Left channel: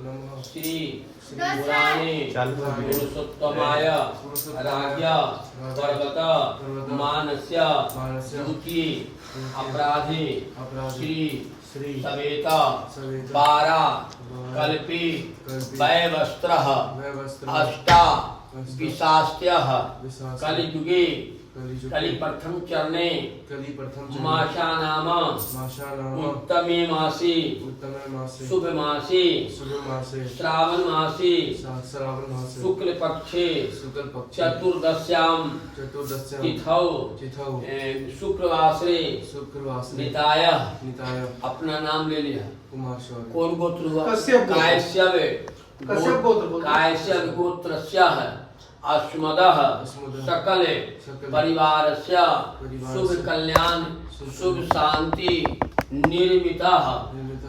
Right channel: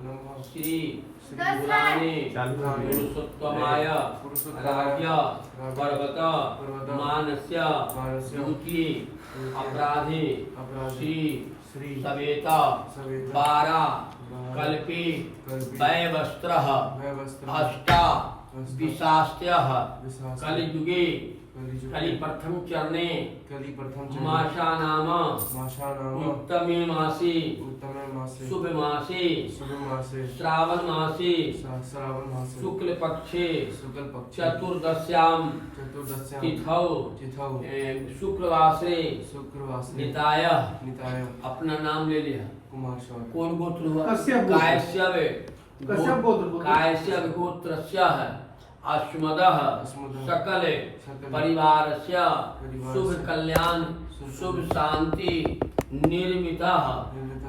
श्री पुराणे पुरुषोत्तमाय राज्ञ पर्वत मानस्य दुखी अपराधे श्री सवेता बारा कल्पी वैवस्त्र अष्टा विशास्त्य कलियुगे कलि प्रथम चरणे मासा नाम उत्तमे मासी शुभ मासी श्रावण मासी शुक्ल पक्षे चतुर्दश्याम तिथौ शुक्रवासरे निताय अपना नाम ले लिया। कौन गोत्र हुआ? कायस्यव गोत्रस्य अस्मदः सकल परिवारस्य शुभ कल्याण शुभ शांति निर्मितः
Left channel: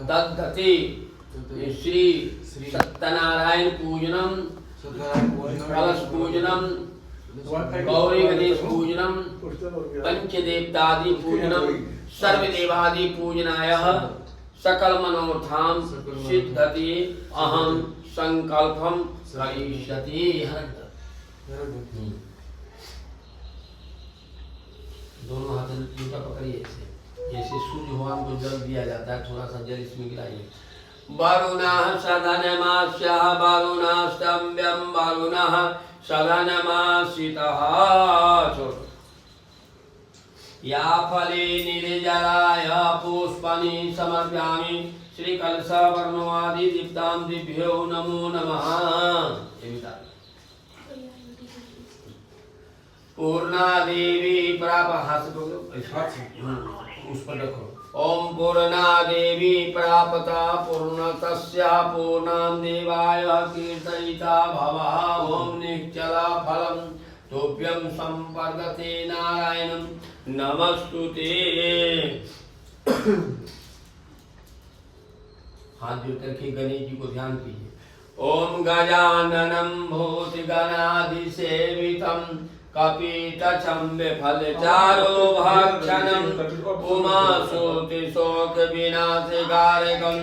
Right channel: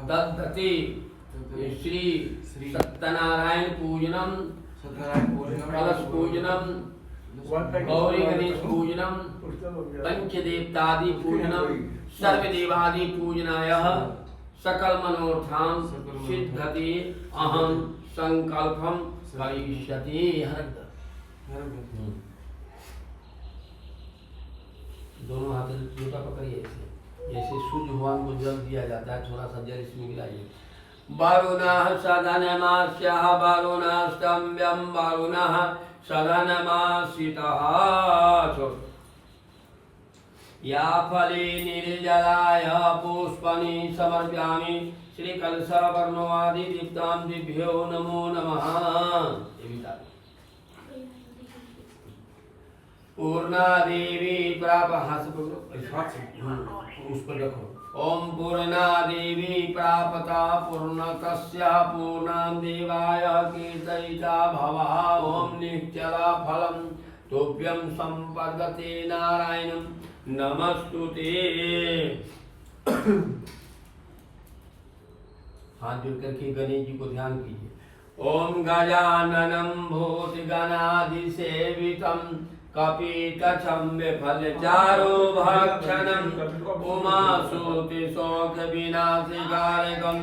दद्धति श्री सत्यनारायण पूजनम कलश पूजनम गौरी गणेश पूजनम पंचदेवतादि पूजनम सर्वदेवादि पूजनाय सकल मनोर्थां सिद्धति अहम संकल्पम करिष्यति। दोनों हाथ जूता पकड़िए ऐसे, जैसे सूर्य भगवान को जल दिया जाता है, थोड़ा सा जल इसमें गिराइए। वरुणः सदनमास्यः वरुणः स्तम्भ्यं वरुणः सदनमाश्रितः या फले निर्जलाय पुष्पाणि समर्पयामि श्री कलश वर्णवादि दीप्तां दिभ्यो नमो नमः। पूर्णा देवी प्राप उस पर रखो। ओम पूर्णा देवी प्रापता पूर्णतस्य पूर्णां देवाय कीर्तयिता भवा। ओम निश्चला फलम तुभ्यं संपद्यते नारायणं नमस्तुते। हाथ जोड़ करके गणेश जी को ध्यान कीजिए। ओम गजाननं भूतगणाधिसेवितं कपितचम्बफलचारो भक्षणं उमासुतिशोकविनाशकारकं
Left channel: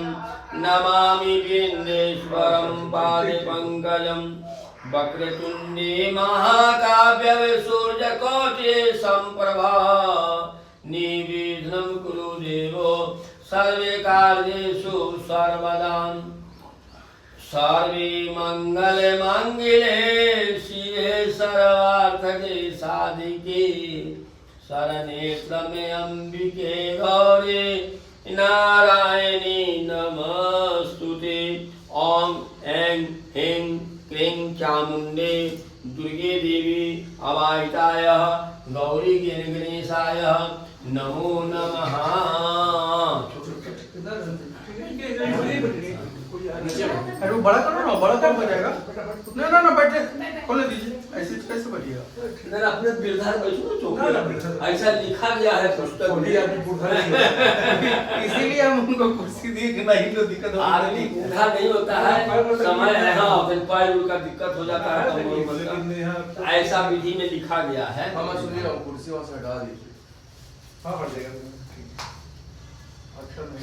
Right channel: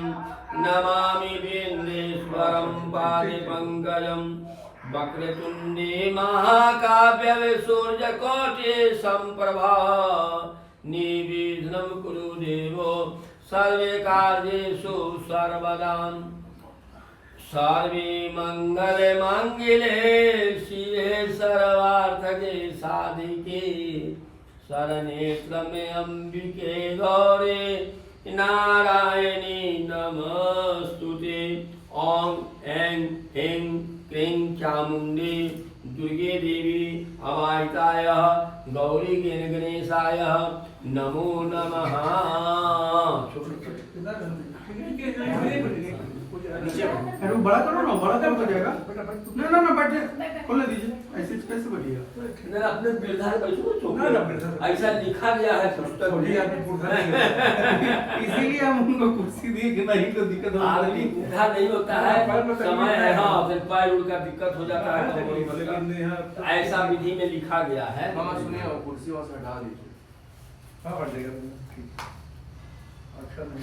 नमामि विघ्नेश्वरं पादपङ्कजं। वक्रतुण्डे महाकाव्ये सूर्यकोटि सम्प्रभा निर्विघ्नं कुरु देवो सर्वे कार्येषु सर्वदा। सर्वे मंगल मंगले शिवे सर्वार्थके साधिके शरणे त्र्यंबके अंबिके गौरी नारायणी नमस्तुते। ओम ऐं ह्रीं क्लीं चामुण्डे दुर्गे देवी अवाहिताय गौरी गणेशाय नमो नमः। अरे वो बड़ा करो ना, बड़ा कम हो जाएगा। नहीं ना ना बैठे खोले दीजिए, ऐसे कैसे बैठिएगा? ना अपने बिरधार बैठो ना, ऐसा लिखा गया है पुस्तक में। इसीलिए हम उनको कुर्सी दिए कि नहीं तो दिक्कत हो। आदमी बूढ़ा नहीं होता है, समय है हाँ, फिर पैर का दिक्कत हो जाता है। ऐसा विधि में लिखा गया है। मामा सुनिए, कुर्सी वहाँ से हटा दीजिए। हाँ हट जाएगा। अच्छा नहीं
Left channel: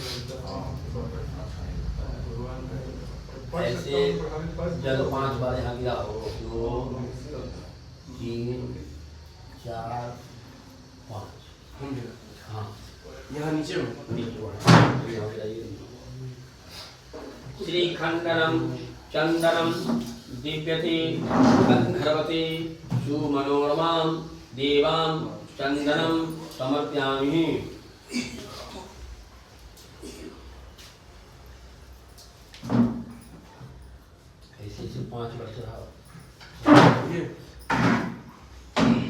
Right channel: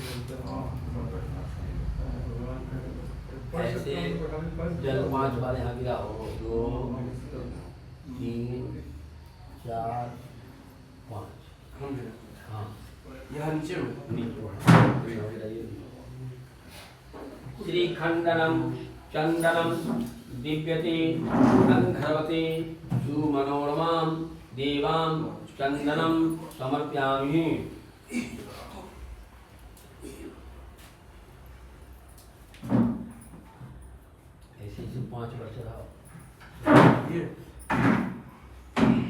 ऐसे जल 5 बार यहाँ गिरा हो। 2 3 4 5 हाँ यहाँ नीचे में श्री खंडनम चंदनम दिव्यते गंधर्वते सुमनोरमां देवां चंदनम समर्पयामि। ऐसे 5 वर्ष रहा ये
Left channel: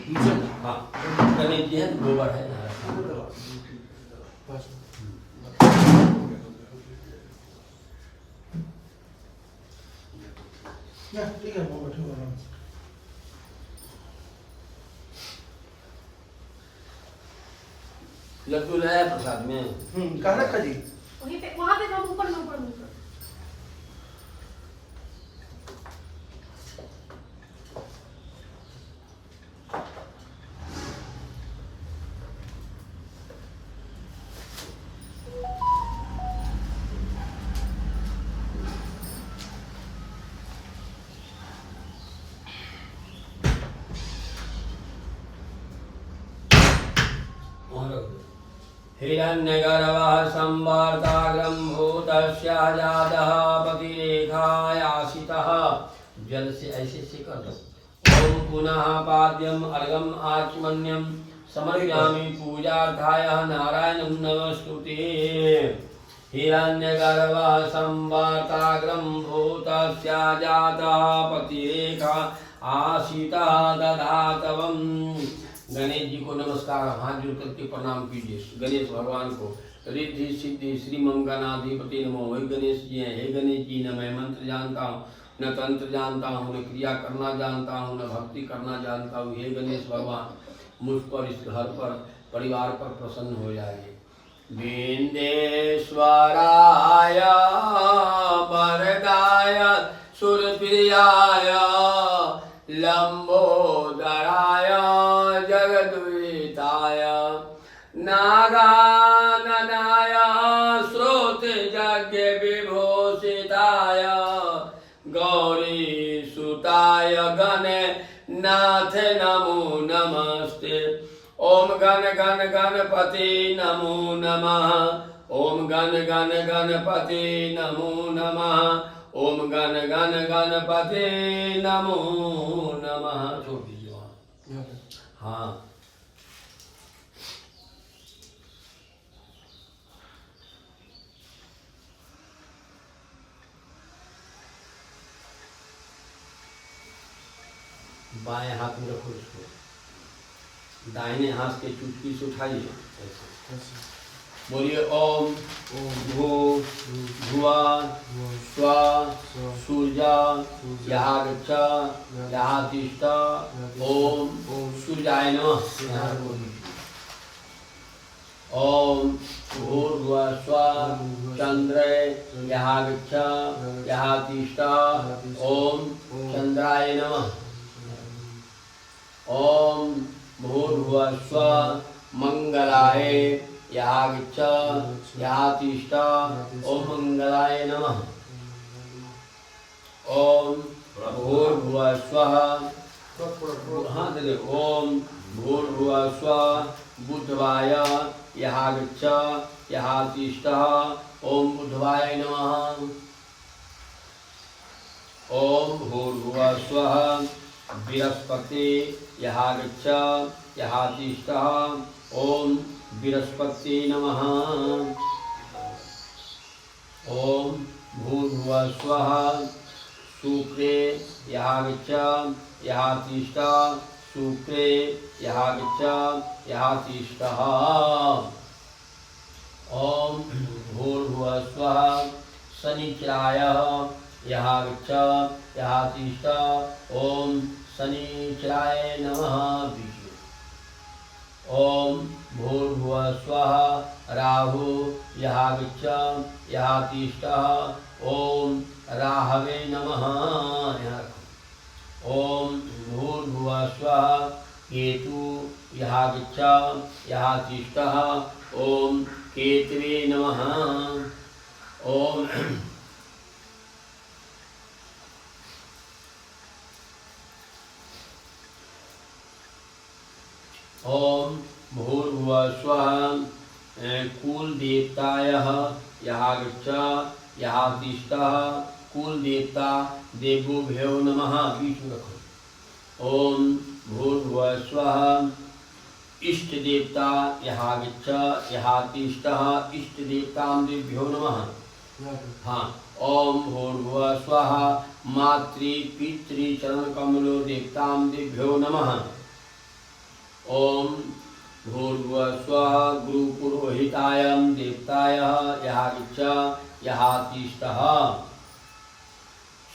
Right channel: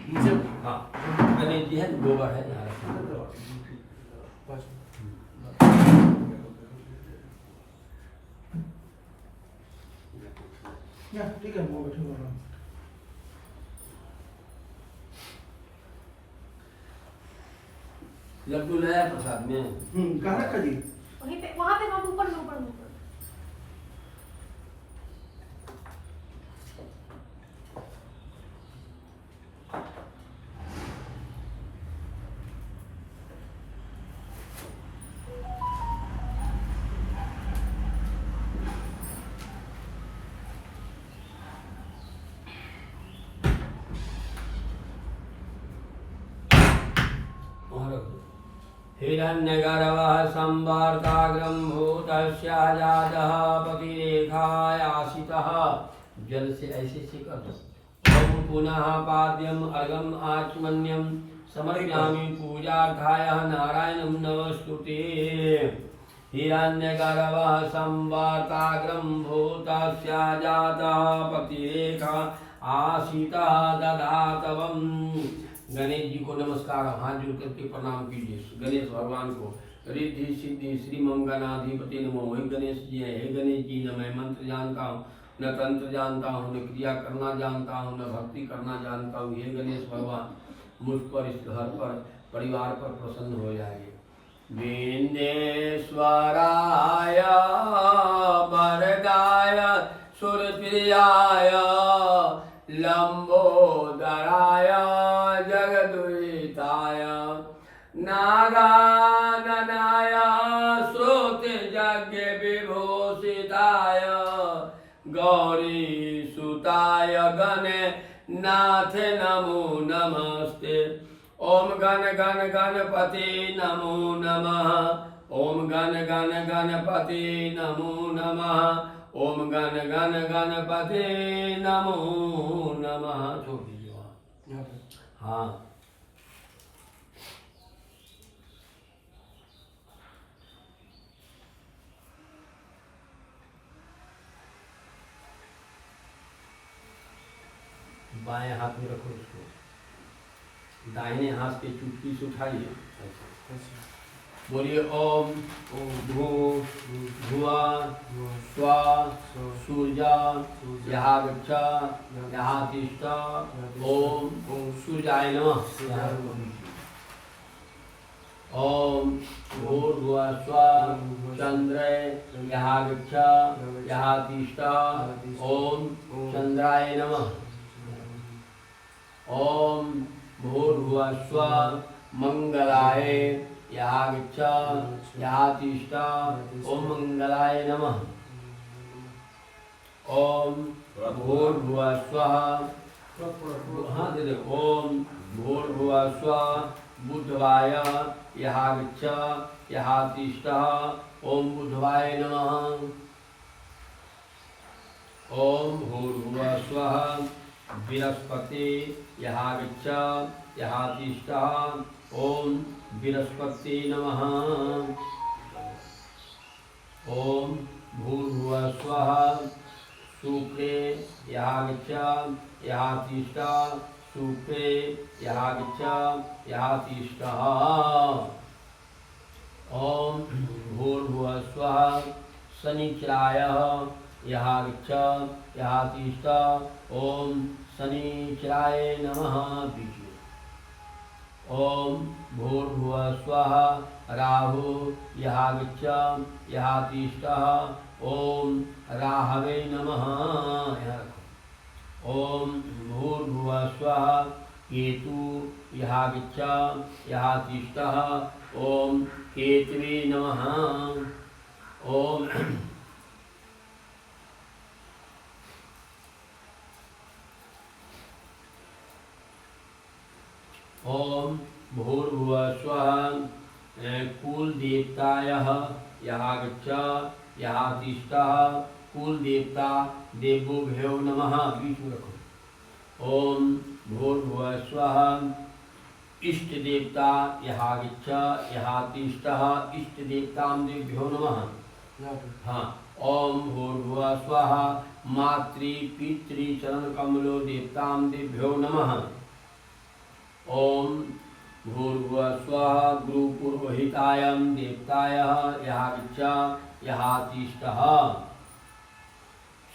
नीचे हाँ गणेश जी है, गोबर है यहाँ रखा। ठीक है, वो बैठे हुए हैं। लड्डू लाया प्रसाद में। कहाँ रखा जी? वहीं पे, वहाँ पे हम ऊपर में ऊपर में। हिरण्यगर्भः संवर्ताग्रं भूतस्य जातः पतिरेखायासितः। जल से ऐसे से कर दो। ओम पुनः पाद्यम अर्घम आचमन्यम समर्पयामि पूजार्थाय नारायणं नमस्तुते। हिरण्यगर्भः संवर्ताग्रं भूतस्य जातः पतिरेखा आसितः दधातवम्। गणेश जी को नमस्कार, हाथ जोड़ करके प्रणाम कीजिए गणेश भगवान को। रिद्धि सिद्धि श्री मम गणाधिपति नमो। हे गणेश जी हैं, हे गणेश जी न मैं मंत्र जानता हूँ, न तंत्र जानता हूँ, न क्रिया करना जानता हूँ, न भक्ति करना जानता हूँ। हे गणेश भगवान मुझ पर, इस घर पर, परिवार पर प्रसन्न हो जाए। विंदेश्वराय वरदाय सुरप्रियाय लंबोदराय जगद्विताय नागाननाय श्रोतयज्ञ विभूषिताय गौरी सुताय गणनाथ नमो नमस्ते। ओम गण गण गणपति नमो नमः। ओम गण गण गणपति नमो नमः। ओम गण गण गणपति नमो नमः। छोड़ दीजिए वहाँ। हाँ बाएं हाथ में रखो इसको, दाहिने हाथ से चुटकी से उठाइए। बोलिए ओम भू भुवा स्वा सूर्या यहाँ गच्छ यहाँ तिष्ठ। ओम सूर्याय नमः। ओम भूर्भुवः स्वः चंद्राय यहाँ गच्छ यहाँ तिष्ठ। ओम चंद्राय नमः। ओम भूर्भुवः स्वः मंगलाय यहाँ गच्छ यहाँ तिष्ठ। ओम मंगलाय नमः। ओम भूर्भुवः स्वः हाँ दे दे। ओम भूर्भुवः स्वः बुधवाय यहाँ गच्छ यहाँ तिष्ठ। ओम बुधवाय नमः। ओम भूर्भुवः स्वः बृहस्पति यहाँ गच्छ यहाँ तिष्ठ। ओम बृहस्पति नमः। ओम भूर्भुवः स्वः शुक्रे यहाँ गच्छ यहाँ तिष्ठ। शुक्रे यहाँ गच्छ यहाँ तिष्ठ। ओम भूर्भुवः स्वः शनिचराय यहाँ गच्छ यहाँ तिष्ठ। ओम शनिचराय नमः। ओम भूर्भुवः स्वः राहु यहाँ गच्छ यहाँ तिष्ठ। ओम राहवे नमः। ओम भूर्भुवः स्वः केतु यहाँ गच्छ यहाँ तिष्ठ। ओम केतवे नमः। ओम ओम भूर्भुवः स्वः कुल देवताय यहाँ गच्छ यहाँ तिष्ठ। कुल देवता देवोभ्यो नमः। बीच में रखो। ओम भूर्भुवः स्वः इष्ट देवता यहाँ गच्छ यहाँ तिष्ठ। इष्ट देवतां देभ्यो नमः। हाँ। ओम भूर्भुवः स्वः मातृ पितृ चरण कमलो देवतां देभ्यो नमः। ओम भूर्भुवः स्वः गुरुपुरोहिताय देवताय यहाँ गच्छ यहाँ तिष्ठ।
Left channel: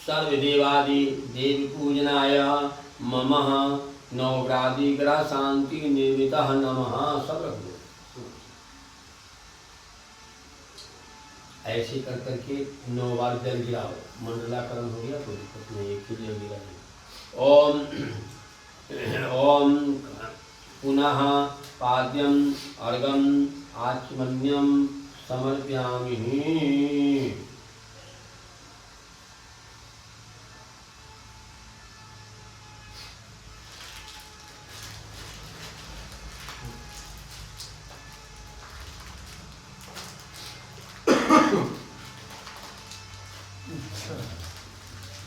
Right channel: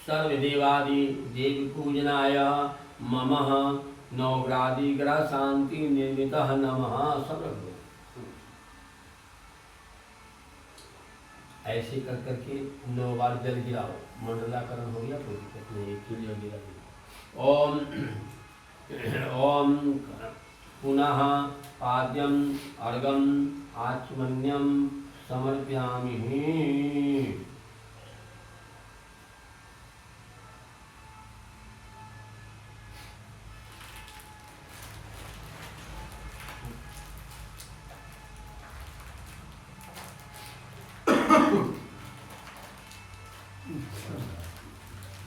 सर्वदेवादि देव पूजनाय मम नवग्रादि ग्रह शांति निर्मितः नमः। सब रख दो। ऐसे कर करके 9 बार जल गिराओ। मंडलाकरण हो गया, कोई दिक्कत नहीं, एक ही जल गिरा दिया। ओम ओम पुनः पाद्यम अर्घम आचमन्यम समर्पयामि।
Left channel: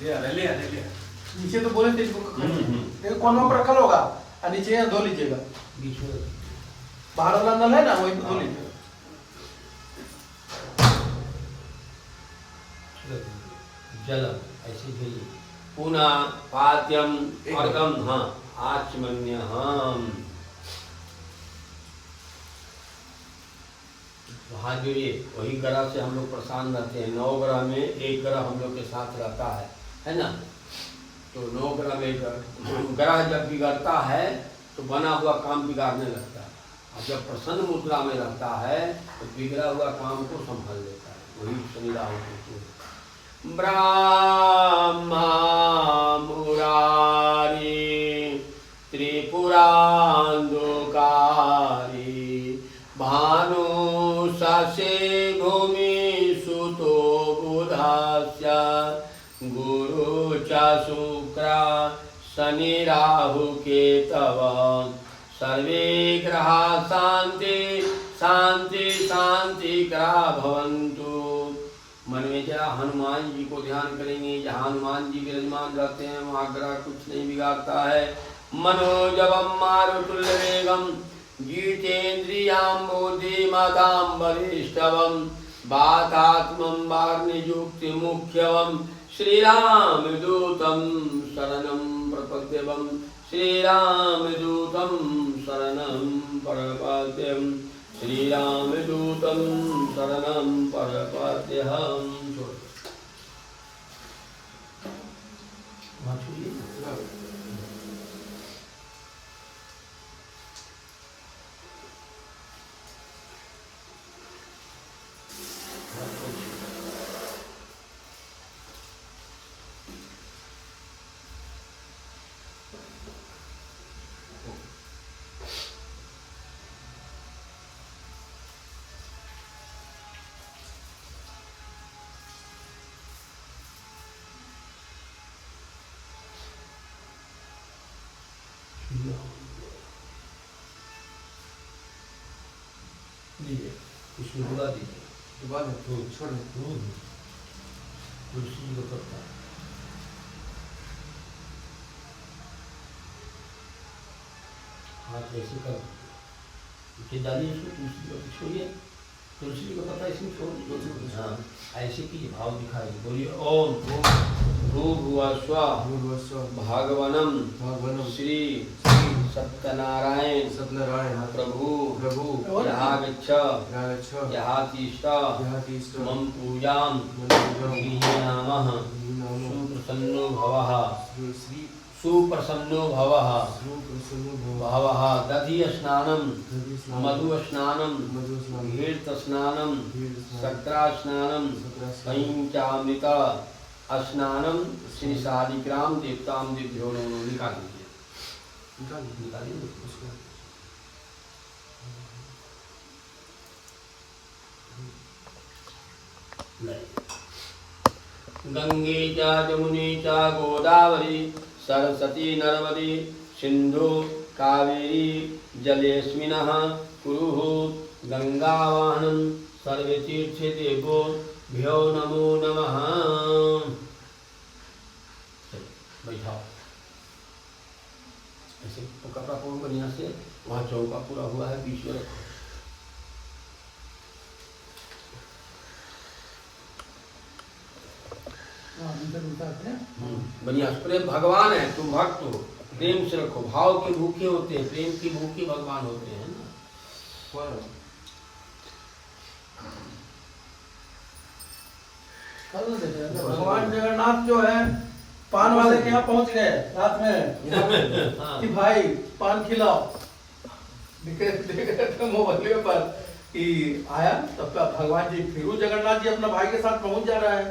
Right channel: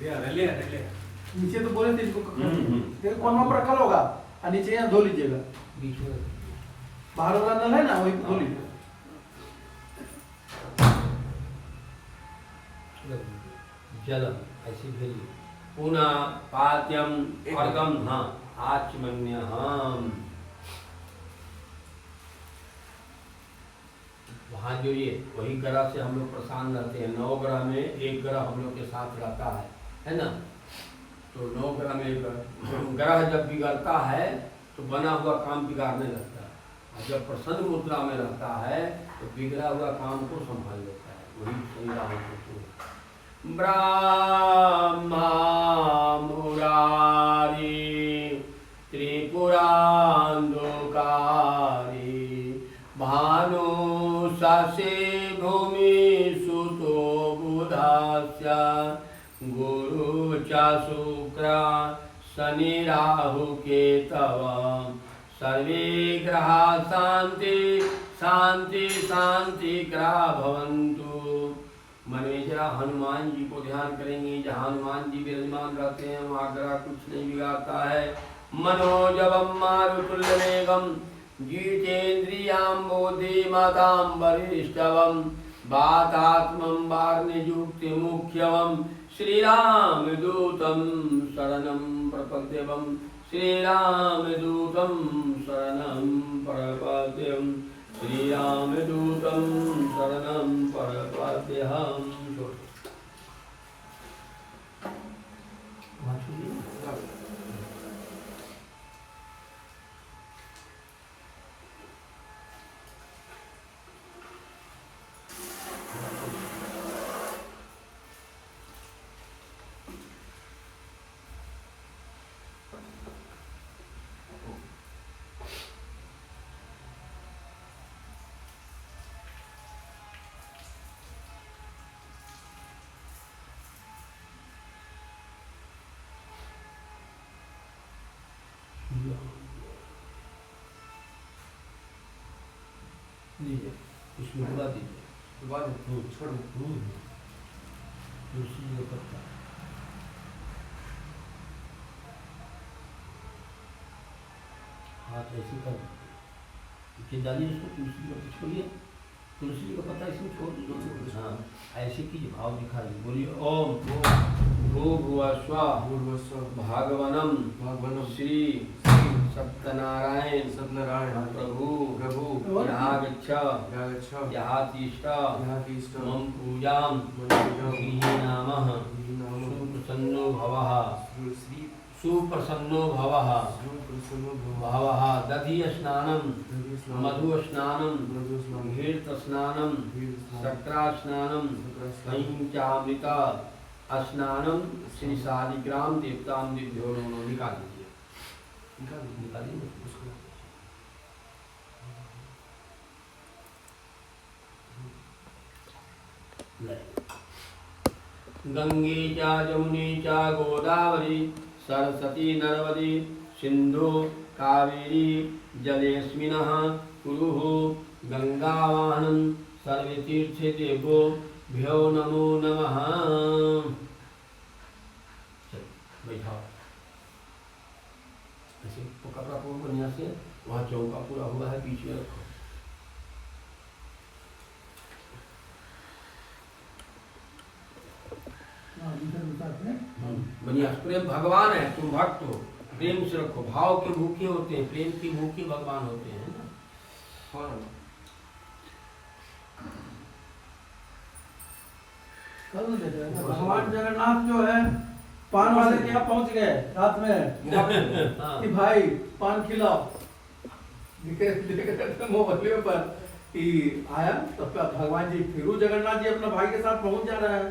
नीचे तो बोले थे इसको देखो कोनों पर रखा होगा और नीचे यहाँ धो लीजिएगा बीच में बाहर वाला नल है ना वही पे धो लीजिएगा जलम ऐसे भेलिए पुनः पात्यम अर्गम हाँ आचमन्य हम वहाँ जो ये वही ग्रह से हम लोग परेशान रहते हैं। 9 ग्रह में एक ग्रह हम लोग के साथ रहता है ना। तो 9 ग्रह में ग्रह जब बिगड़ता है तो बना हुआ काम बिगाड़ने लगता है, और जब प्रसन्न मुद्रा में रहता है तो बिगड़ा हुआ काम को संभाल लेता है। वही शनि राहु केतु। ब्रह्मा मुरारी त्रिपुरान्धकारी भानु शशि भूमि सुतो बुधास्य गुरु च शुक्र शनि राहु केतव सर्वे ग्रहा शांति शांति शांति ग्रह भवन्तु। मन में जरा हनुमान जी को ध्यान करेंगे। जहाँ हनुमान जी विराजमान रहते हैं वहाँ ग्रह कुछ नहीं बिगाड़ता है। मनोजवम मारुतुल्यवेगम गीतेन्द्रियां बुद्धिमतां वरिष्ठवं वातात्मं वाग्निजुक्तिमुख्यवं श्रीरामदूतं शरणं प्रपद्यवं श्रीरामदूतं शरणं प्रपद्यं श्रीरामदूतं शरणं प्रपद्यहं। लीजिए उसमें बुला दीजिए तो बाद में छोड़ दो तुलसी जी का पत्ता हाथ ऐसे कर दीजिए डालिए इसको तुलसी जी का छोड़िए तुलसी जी का पत्ता इसमें छोड़ दीजिए। हाँ ऐसे कीजिए भाव दिखाइए बोलिए ओम भूर्भुवः भगवनं श्री सत्यनारायण प्रभु यहागच्छ यहातिष्ठ मम पूजां गृह्णामः सुप्रसन्नो भवः सुप्रसन्नो भवः भवः दधि स्नानं मधु स्नानं घृत स्नानं शर्करा स्नानं पंचामृत स्नानं श्री शालिग्राम देवतां दिभ्यो नमो। निकाल दीजिए निकालिए उसको। गंगे च जमुने च गोदावरी सरस्वती नर्मदे सिंधु कावेरी जलेस्मिनः कुरुः गंगावाहनं सर्वे तीर्थे देवो भ्यो नमो नमः। बैठाओ ऐसे कपड़ा पूरा बढ़िया से वहाँ चौका पूरा हुआ है बीच में रखो। बढ़िया प्रेम भगवान है तुम भक्त हो प्रेम से रखो। भाव के भूखे होते हैं प्रेम की भूखे भगवान होते हैं ना। भगवान जगन्नाथ जो है पान वाले के यहाँ पहुँच गए रात में कि भाई पान खिलाओ। मोबाइल पर कि आया तब भगवान जी फिर जगन्नाथ जी अपना भाई के साथ पहुँच जा रहा है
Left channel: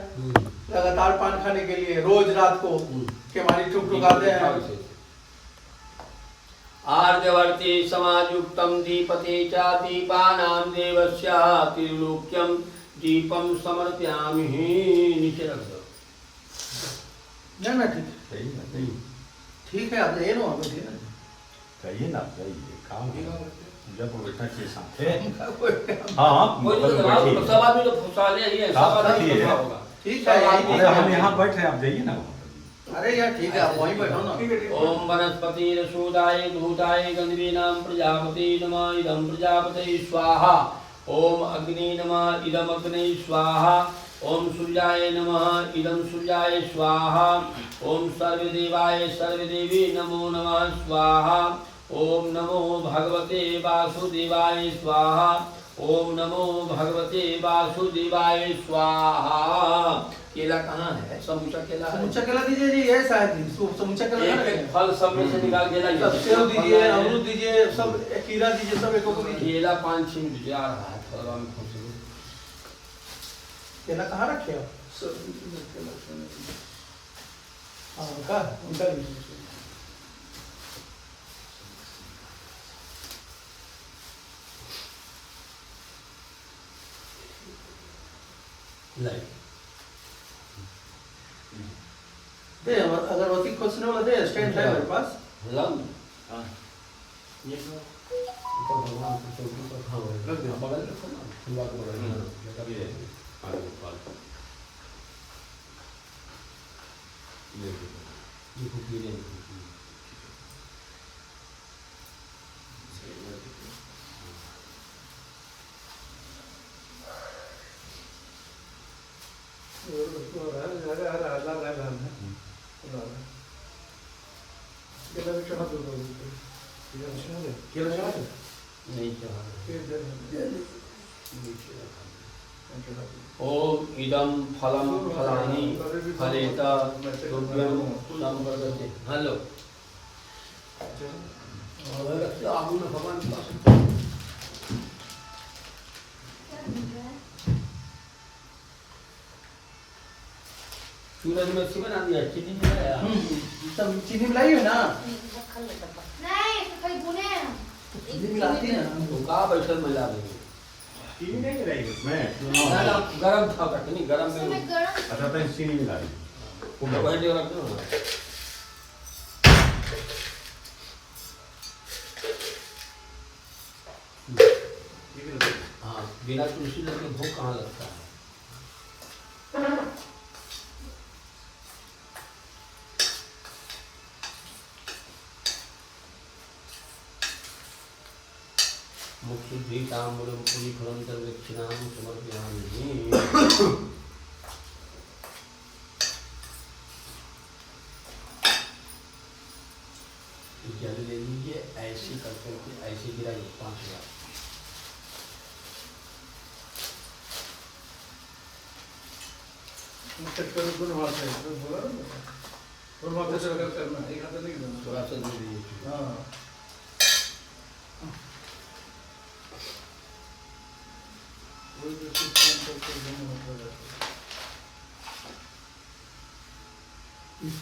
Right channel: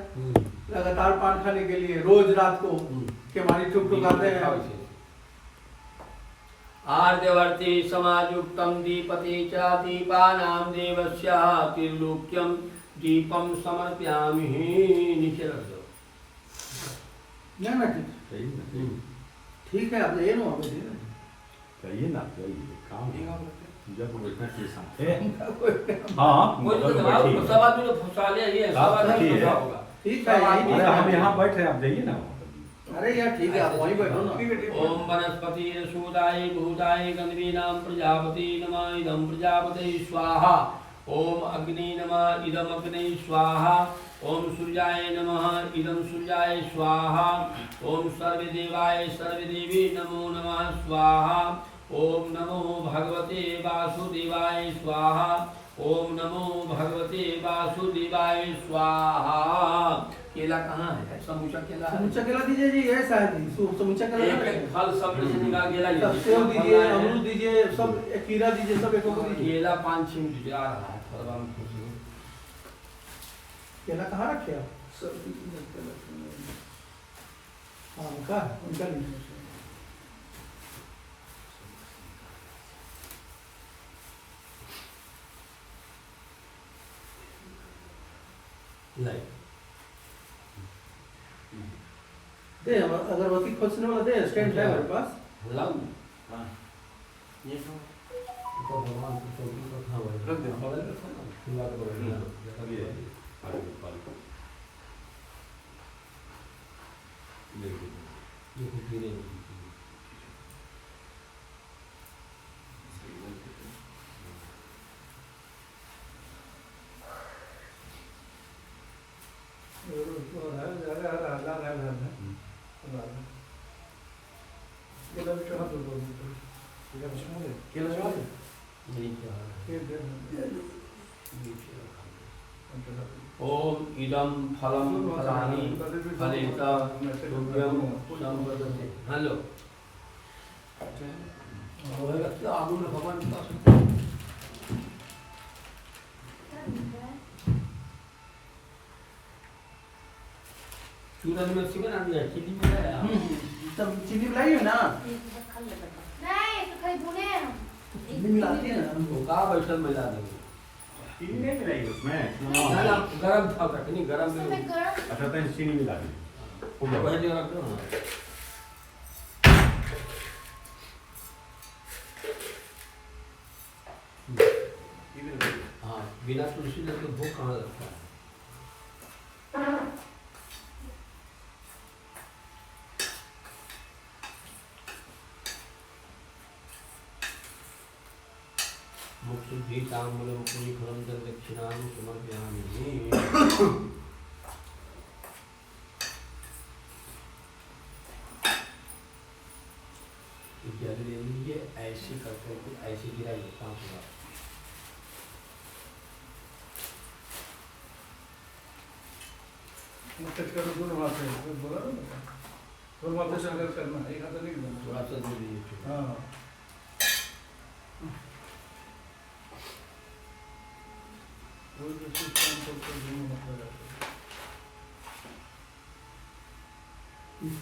लगातार पान खाने के लिए रोज रात को के मानी ठुकठुकाते हैं। आर्यवर्ती समायुक्तम दीपते च दीपानां देवस्य त्रिलोक्यम दीपम समर्पयामि। नीचे रख दो। ना ठीक है आप जाइए ना वहाँ पे जाइए ना जाइए काम जब बैठा के साथ है। हाँ सब आदमी तो फंसा ले ये सब आदमी फंसा होगा। ठीक है हम यहाँ बैठे आप जाइए ना अरे यार ठीक है, आप वहीं बैठो ना। ओम वनस्पतिरसूदाय भूताय गंधर्वीणां प्रजापति नमः इदं प्रजापते स्वाहा। ओम अग्नि नमः इदं अग्ने स्वाहा। ओम सूर्याय नमः इदं सूर्याय स्वाहा। ओम सर्वदेवाय सर्वदेवी नमो नमः स्वाहा। ओम नमो भगवते वासुदेवाय स्वाहा। ओम नमो भगवते वासुदेवाय स्वाहा। केला कहाँ है? समूचा केला है? समूचा केला दीजिए जी, है शायद समूचा केला एक एक फल सब में से निकाल केला सब सेव दीजिए, अमरूद दीजिए, सब एक खीरा दीजिए, सब एक दीजिए। केला 5-6 मिनट जा रहा है फलवा में खुश हूँ। केला कहाँ रखे आप? हाँ उनका लाइक दे अगरबत्ती खोजने वाला दे, स्टैंड है मेरे पास। लव ये तो तो भगवान को तो ऊपर खाओ रख दे। बगल रखो ना खुला को बगल में जगह भी है। ये कुछ भी नहीं। नहीं ओम इदं फलं फलानि फलेत तुभ्यं संवर्धते। हेलो आगू में भगवान के पास सूरज में अच्छी बना दिया, चीनी में आया। सब चीनी मिलाई है ना? नहीं तो खाली भुने हैं हम। चीनी मिलाती है ना? तो कहाँ बैठल मिला देंगे? चीनी नहीं मिलाई उसमें। ना ना गरम था कटनी गरम में उसमें गरम अच्छा तो चीनी मिला दी। वही जगह रख दो ना। हाँ बिना तुलसी लगे भूख कहाँ लगता है? मुक्ति ताम्बूलम पुरी फलम दक्षिणाम समर्पयामि। जल ले लीजिए, ऐसी करते कि ऐसी गिराइए 5 बार। थोड़ा सा दूध दीजिए।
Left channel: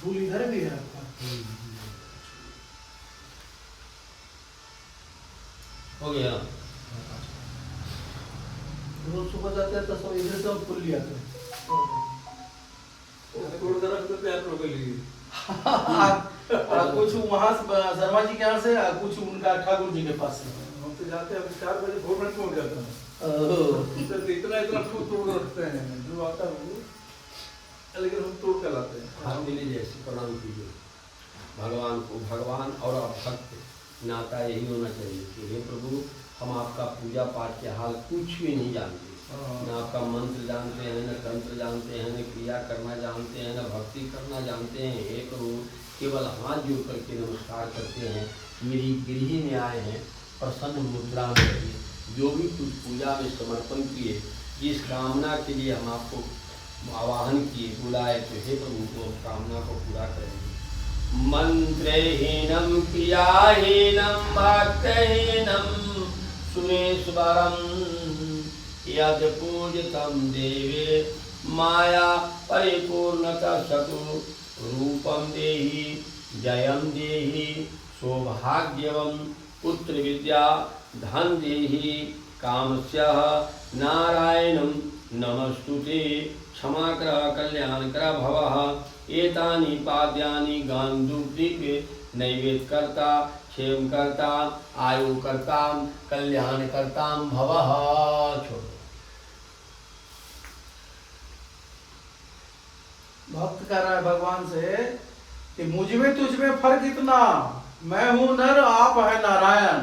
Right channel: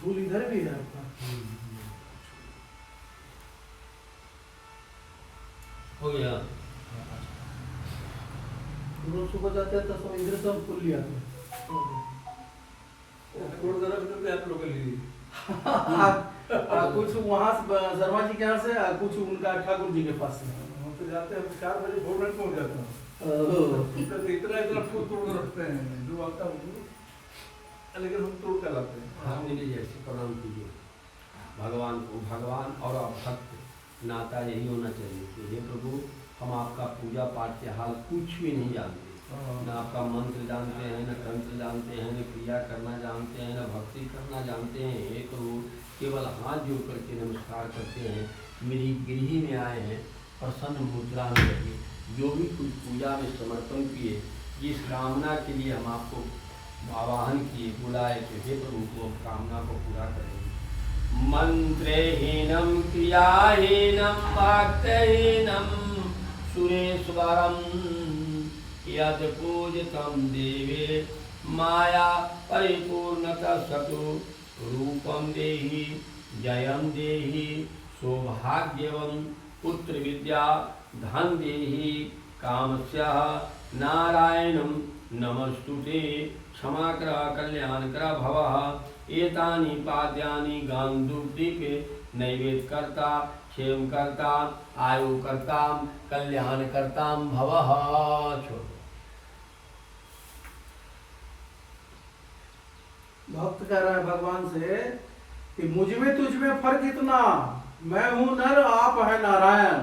फूल इधर भी है आपका? हो गया। रोज सुबह जाते हैं तो सब इधर से हम फूल ले आते हैं। कुछ वहाँ शर्मा जी के यहाँ से, कुछ उनका ठाकुर जी के पास से। हम तो जाते हैं 4 बजे भोर में पहुंच जाते हैं। इतना तोड़ रखते हैं जो आता है वो, लेकिन हम तोड़ कर लाते हैं। हम मिली जैसे प्रणाम कीजिए भगवान को। भगवान और आप भक्त नाता यही होना चाहिए कि हे प्रभु हम आपका पूजा पाठ के हाल कुछ भी नहीं जानते, न आपका मंत्र जानते हैं, न तंत्र जानते हैं, न क्रिया करना जानते हैं, न भक्ति करना जानते हैं। हे प्रभु केवल हाथ जोड़ करके नमस्कार करते हैं। मेरी गृह में आए हैं, प्रसन्न मुद्रा में रहिए। जो भी कुछ पूजा में समर्पण किए, जिस कामना के लिए हम आपको आवाहन किए बुलाए, तो हे प्रभु को हम कामना को पूरा करेंगे। मंत्रहीनम क्रियाहीनम भक्तहीनम सुरेश्वरम यद पूजितम देवे माया परिपूर्णता सतु रूपम देहि जयम देहि सौभाग्यवम पुत्र विद्या धन देहि कामस्यः नारायणं नमस्तुते क्षमाकर कल्याणकर भवः। एतानि पाद्यानि गांधूपदीपे नैवेद्यकर्ता क्षेमकर्ता आयुकर्ता कल्याणकर्ता भवः। छोड़ो। भक्त कह रहा है भगवान से कि मुझ में तुझ में फर्क इतना, मैं हूँ नर आप है नारायण।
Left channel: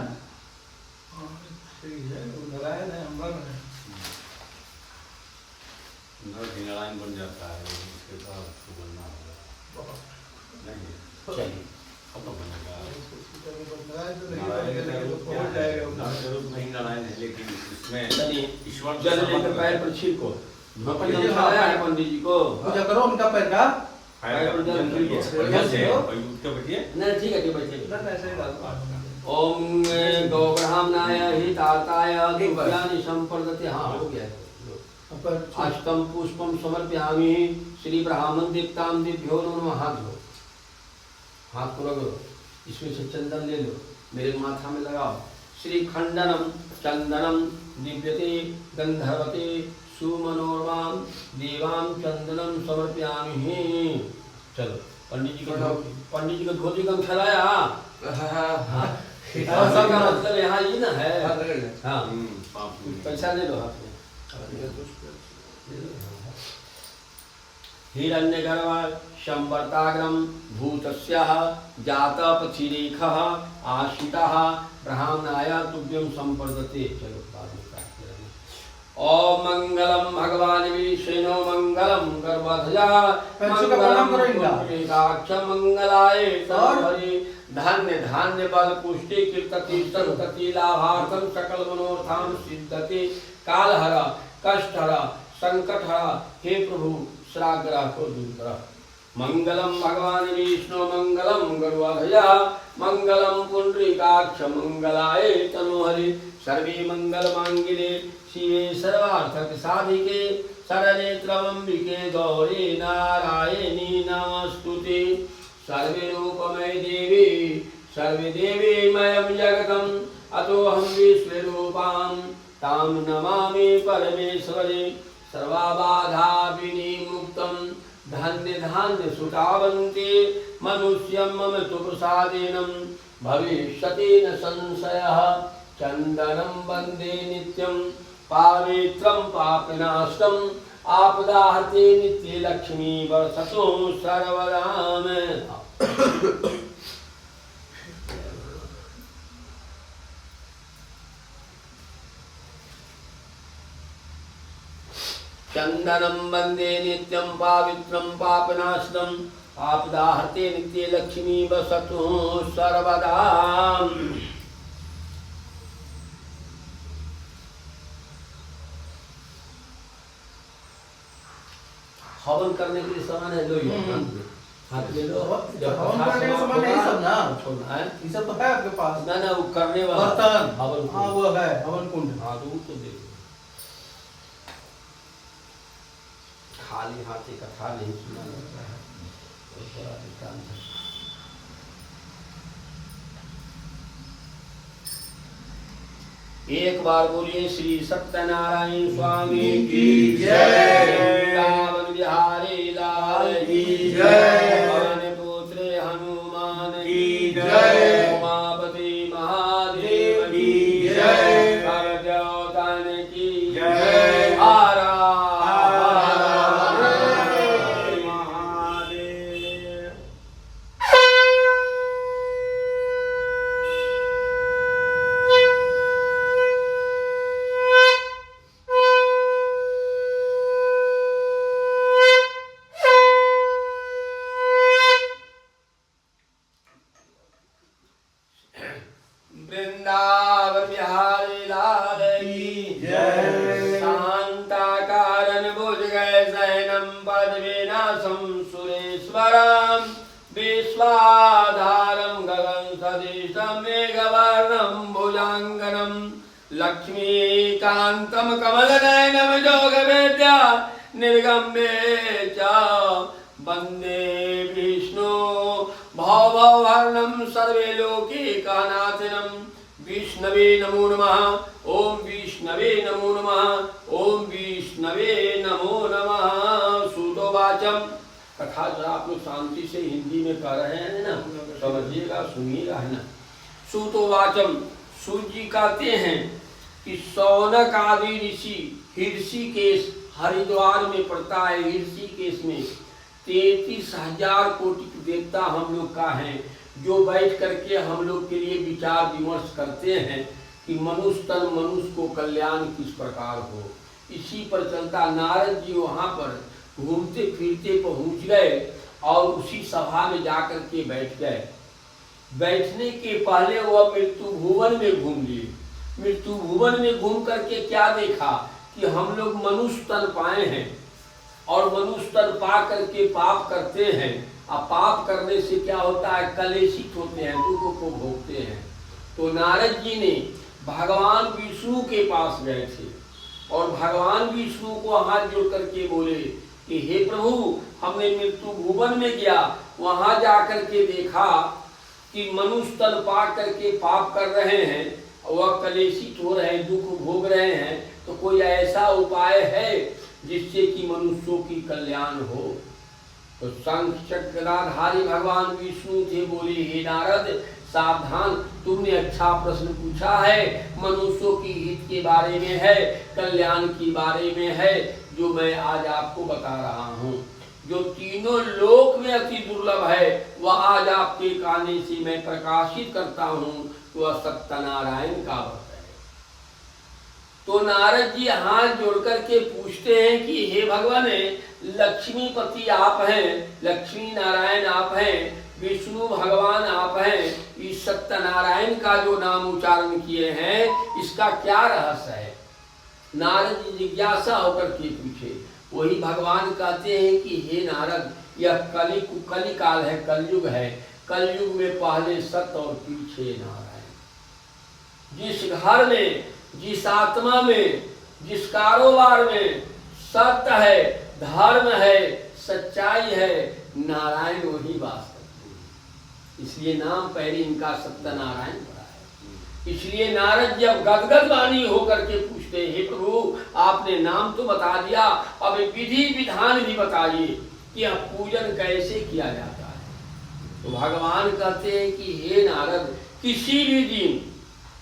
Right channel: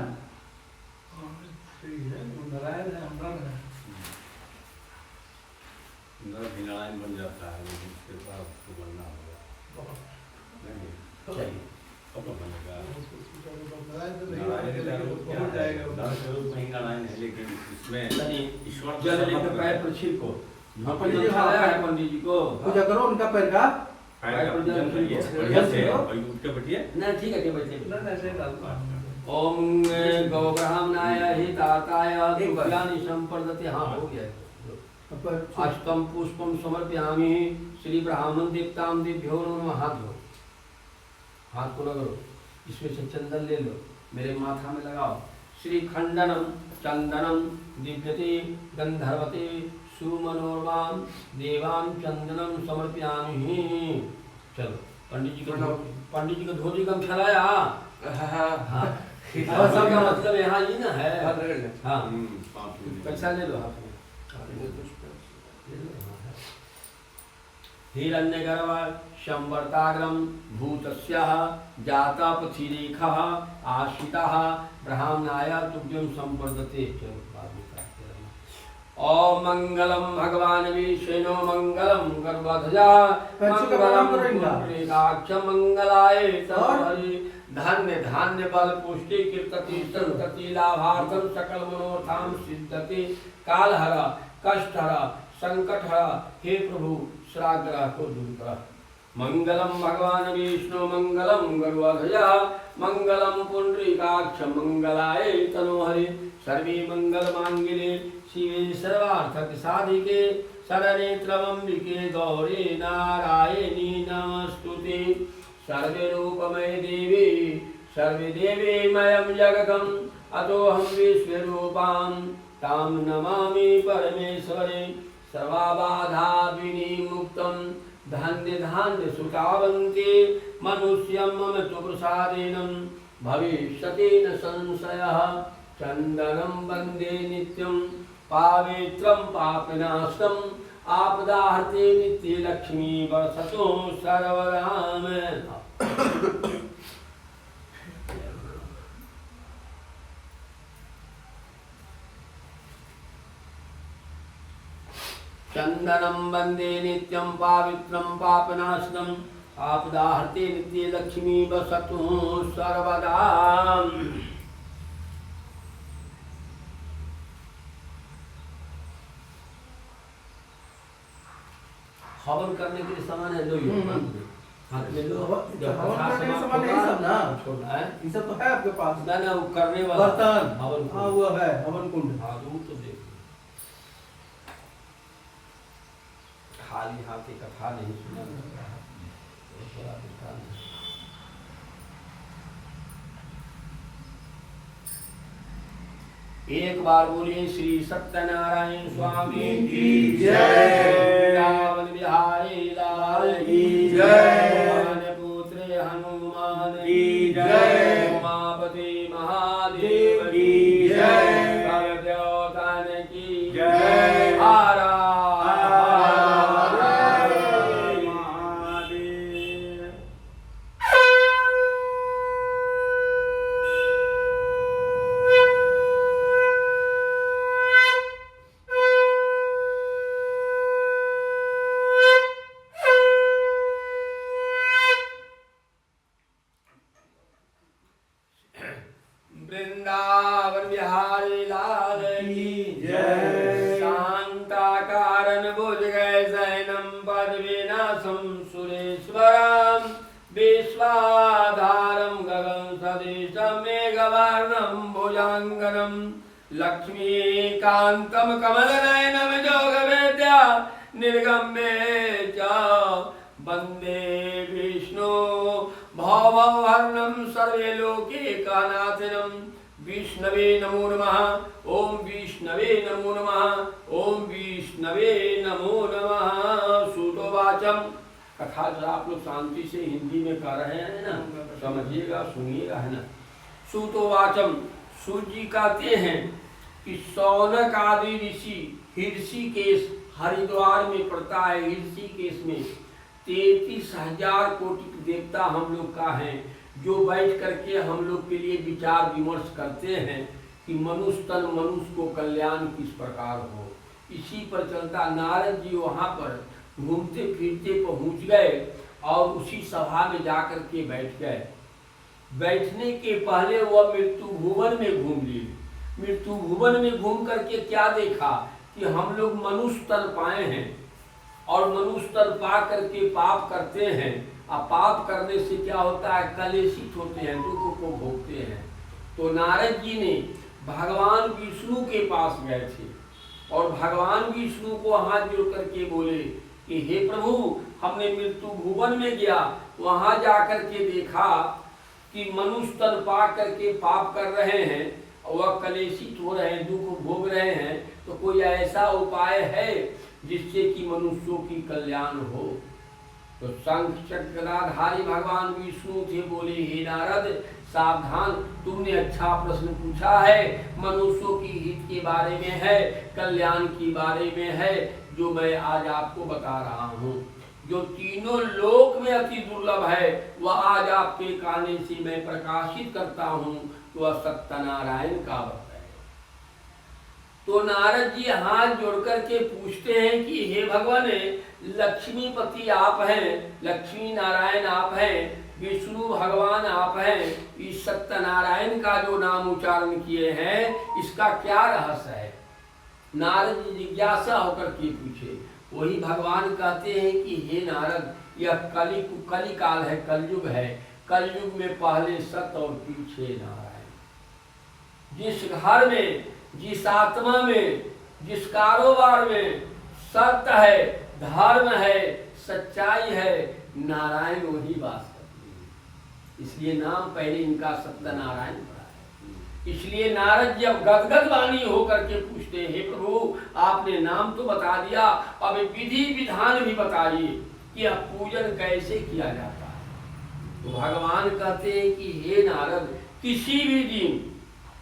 सही है, वो नारायण है, अम्बर है। नर भी नारायण बन जाता है, लेकिन उसके बाद उसको बनना होगा। नहीं, चलिए अब तो बनेगा। नारायण तो नहीं नारायण बनेगा, का लेकिन रूप वो क्या पहुंच है? जाएगा। नर का रूप नहीं नारायण है, लेकिन इसमें चलिए ईश्वर जल लेकर पैर पर छिड़को। पंडित जी खिलाया है पंडित जी को। पूजा करो उनका पैर का। पैर का पूजन करिए, बढ़िया से और उठ के बैठिए। नहीं ठीक है ठीक बैठे। ना ना ऐसे ही डालता हूँ। ओम गौब्राह्मणाय हिताताय तुभ्यानि संप्रदते। हाँ हो गया। अष्टम पुष्पम समर्पयामि श्री ब्राह्मण दीप्ताम दिभ्यो नमः। हाथ धो, हाथ को रगड़ो, इसमें से चंदन ले लो, मेरे माथा में लगाओ। श्री खंडनम चंदनम दिव्यते गंधर्वते सुमनोरमाम देवाम चंदनम समर्पयामि। चलो पंडित जी को धोती कम खिलाया। हाँ का मतलब यहाँ ये ना है। हाँ पैसा ले लो हाथ में। हिरण्यगर्भ संवर्ताग्रम भूतस्यः जातपथिरेखः आश्रितः ब्राह्मणाय तुभ्यं संप्रदते। चलो बाद में काट लेना। ओम मंगलम भगवान विष्णु मंगलम गर्भध्वजा मंगलम पुंडरीकाक्ष मंगलाय तमहरि। धान्य धान्य बल पुष्टि कीर्तति संतति लाभार्थम सकल मनोर्थाम सिद्धति। कालहर कष्टहर संकटहर हे प्रभु श्राग्रह को दूर कर। मंगलम भगवान विष्णु मंगलम गरुड़ध्वजा मंगलम पुंडरीकाक्ष मंगलाय तनोहरि। सर्वे मंगल मांगल्ये शिवे सर्वार्थ साधिके शरण्ये त्र्यंबके गौरी नारायणी नमस्तुते। सर्वे रूपमय देवी सर्वे देवी मयं जगतम अतोऽहं विश्वरूपां तां नमामि परमेश्वरे। सर्वबाधा विनिमुक्तं धन्य धान्य सुतावन्ते मनुष्यं मम तु प्रसादेन भविष्यति न संशयः। चन्दनं वन्दे नित्यं पावित्रं पापनाशं आपदाहते नित्य लक्ष्मी वर्षतो सर्वदा में। चंदनं वंदे नित्यं पावित्रं पापनाशनं आपदाहते नित्य लक्ष्मी वसतु सर्वदा। हवन करने के लिए सामान है, लो ये हाथ ले लो। हवन करने के सामान है सब ना, छोड़ना है ये सब तो है आपके पास। ना ना वो करने वाला बर्तन हवन हाँ वो है हवन कुंड। हाँ वो तो देखो खाली हाथ एक कथा नहीं सुना जाता है। तो बड़ा दृष्टांत है। एक बार बोलिए श्री सत्यनारायण स्वामी की जय। वृंदावन बिहारी लाल की जय। पवन पुत्र हनुमान की जय। उमापति महादेव की जय। सब देवतान की जय। हर वृंदावन बिहारी लाल की जय। शांताकारं भुजगै शयनं पद्मनाभं सुरेश्वरं विश्वाधारं गगनसदृशं मेघवर्णं भुजङ्गनं लक्ष्मीकान्तं कमलनयनं योगवेद्या निर्गम्ये च वन्दे विष्णु भववर्णं सर्वे लोके कानाथिनं विष्णवे नमो नमः। ओम विष्णवे नमो नमः। ओम विष्णवे नमो नमः। सूतोवाचम कथा जो आप लोग शांति से हिंदी में कर रहे हैं ना, समझिएगा सुनिएगा है ना। सूतोवाचम सूर्य जी कहते हैं कि सौनक आदि ऋषि ऋषिकेश हरिद्वार में पड़ता है, ऋषिकेश में 33,000 कोटि देवता हम लोग का है, जो बैठ करके हम लोग के लिए विचार विमर्श करते हैं कि मनुष्य तन मनुष्य को कल्याण किस प्रकार हो। इसी पर चलता नारद जी वहाँ पर घूमते फिरते पहुँच गए और उसी सभा में जाकर के बैठ गए। बैठने के पहले वह मृत्यु भुवन में घूम लिए। मृत्यु भुवन में घूम करके क्या देखा कि हम लोग मनुष्य तन पाए हैं और मनुष्य तन पा करके पाप करते हैं। अब पाप करने से क्या होता है, कलेशित होते हैं, दुख को भोगते हैं। तो नारद जी ने भगवान विष्णु के पास गए थे और भगवान विष्णु को हाथ जोड़ करके बोले कि हे प्रभु, हमने मृत्यु भुवन में गया, वहां जाकर के देखा कि मनुष्य तन पा करके पाप कर रहे हैं, वह कलेशित हो रहे हैं, दुख भोग रहे हैं, तो कोई ऐसा उपाय है जिससे कि मनुष्यों की कल्याण हो। तो शंख चक्रधारी भगवान विष्णु थे, बोले हे नारद सावधान, तुमने अच्छा प्रश्न पूछा है, मनुष्यों की हित के बारे में है, कल्याण के बारे में है, जो मैं आज आपको बता रहा हूँ। जो तीनों लोक में अति दुर्लभ है, वह आज आपके कहने से मैं प्रकाशित करता हूँ, वह सत्यनारायण का व्रत है। तो नारद जी हाथ जोड़ करके पूछते हैं कि हे भगवान, लक्ष्मीपति आप हैं, लक्ष्मी नारायण आप हैं, विष्णु भगवान आप हैं, इस सत्यनारायण का जो नाम उच्चारण किए हैं, इसका क्या रहस्य है। नारद जी जिज्ञासा होकर के पूछे। वही भगवान कहते हैं कि हे नारद, यह कली काल है, कलयुग है, कलयुग में पहले सत्य और पीछे नारायण। जिस घर में, जिस आत्मा में, जिस कारोबार में सत्य है, धर्म है, सच्चाई है, नारायण वही वास करते हैं। इसलिए नाम पहले इनका सत्यनारायण पड़ा है। इसलिए नारद जब गदगद वाणी होकर के पूछते, हे प्रभु, आपने नाम तो बता दिया, अब विधि विधान भी बताइए कि अब पूजन कैसे किया जाता है। तो भगवान कहते हैं कि हे नारद, किसी भी दिन,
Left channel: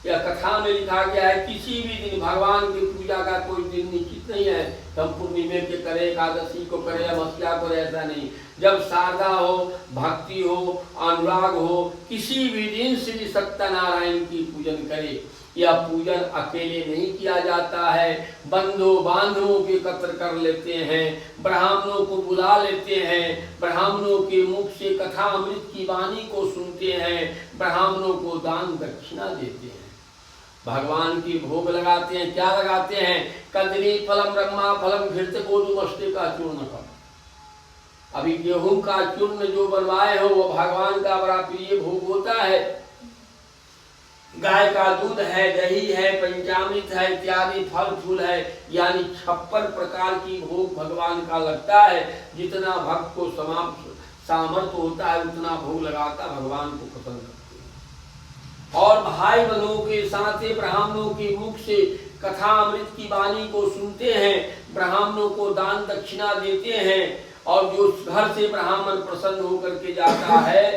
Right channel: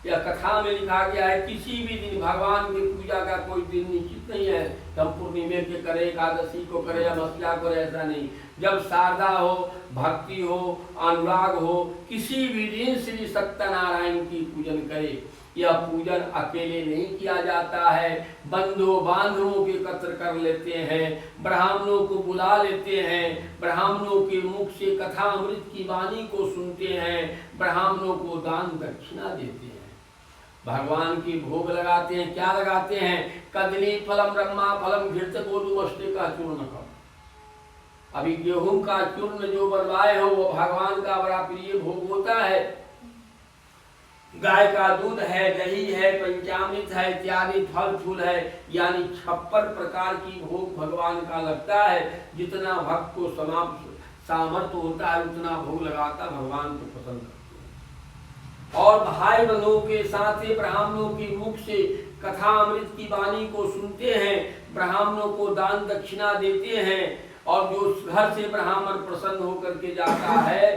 या कथा में लिखा गया है, किसी भी दिन भगवान की पूजा का कोई दिन निश्चित नहीं है, हम पूर्णिमे के करें, एकादशी को करें, अमावस्या को, ऐसा नहीं। जब श्रद्धा हो, भक्ति हो, अनुराग हो, किसी भी दिन श्री सत्यनारायण की पूजन करे। यह पूजन अकेले नहीं किया जाता है, बंधु बांधवों के एकत्र कर लेते हैं, ब्राह्मणों को बुला लेते हैं, ब्राह्मणों के मुख से कथा अमृत की वाणी को सुनते हैं, ब्राह्मणों को दान दक्षिणा देते हैं, भगवान की भोग लगाते हैं। क्या लगाते हैं, कदली फलम ब्रह्मा फलम घृत गोधूमष्टे का चूर्ण का। अभी गेहूं का चूर्ण जो बनवाए हो, वो भगवान का बड़ा प्रिय भोग होता है। गाय का दूध है, दही है, पंचामृत है, इत्यादि फल फूल है, यानी 56 प्रकार की भोग भगवान का लगता है। जितना भक्त को सामर्थ्य होता है, उतना भोग लगाता, भगवान को पसंद करते हैं। और भाई बंधुओं के साथ ही ब्राह्मणों के मुख से कथा अमृत की वाणी को सुनते हैं, ब्राह्मणों को दान दक्षिणा देते हैं, और जो घर से ब्राह्मण प्रसन्न होकर के जाता है,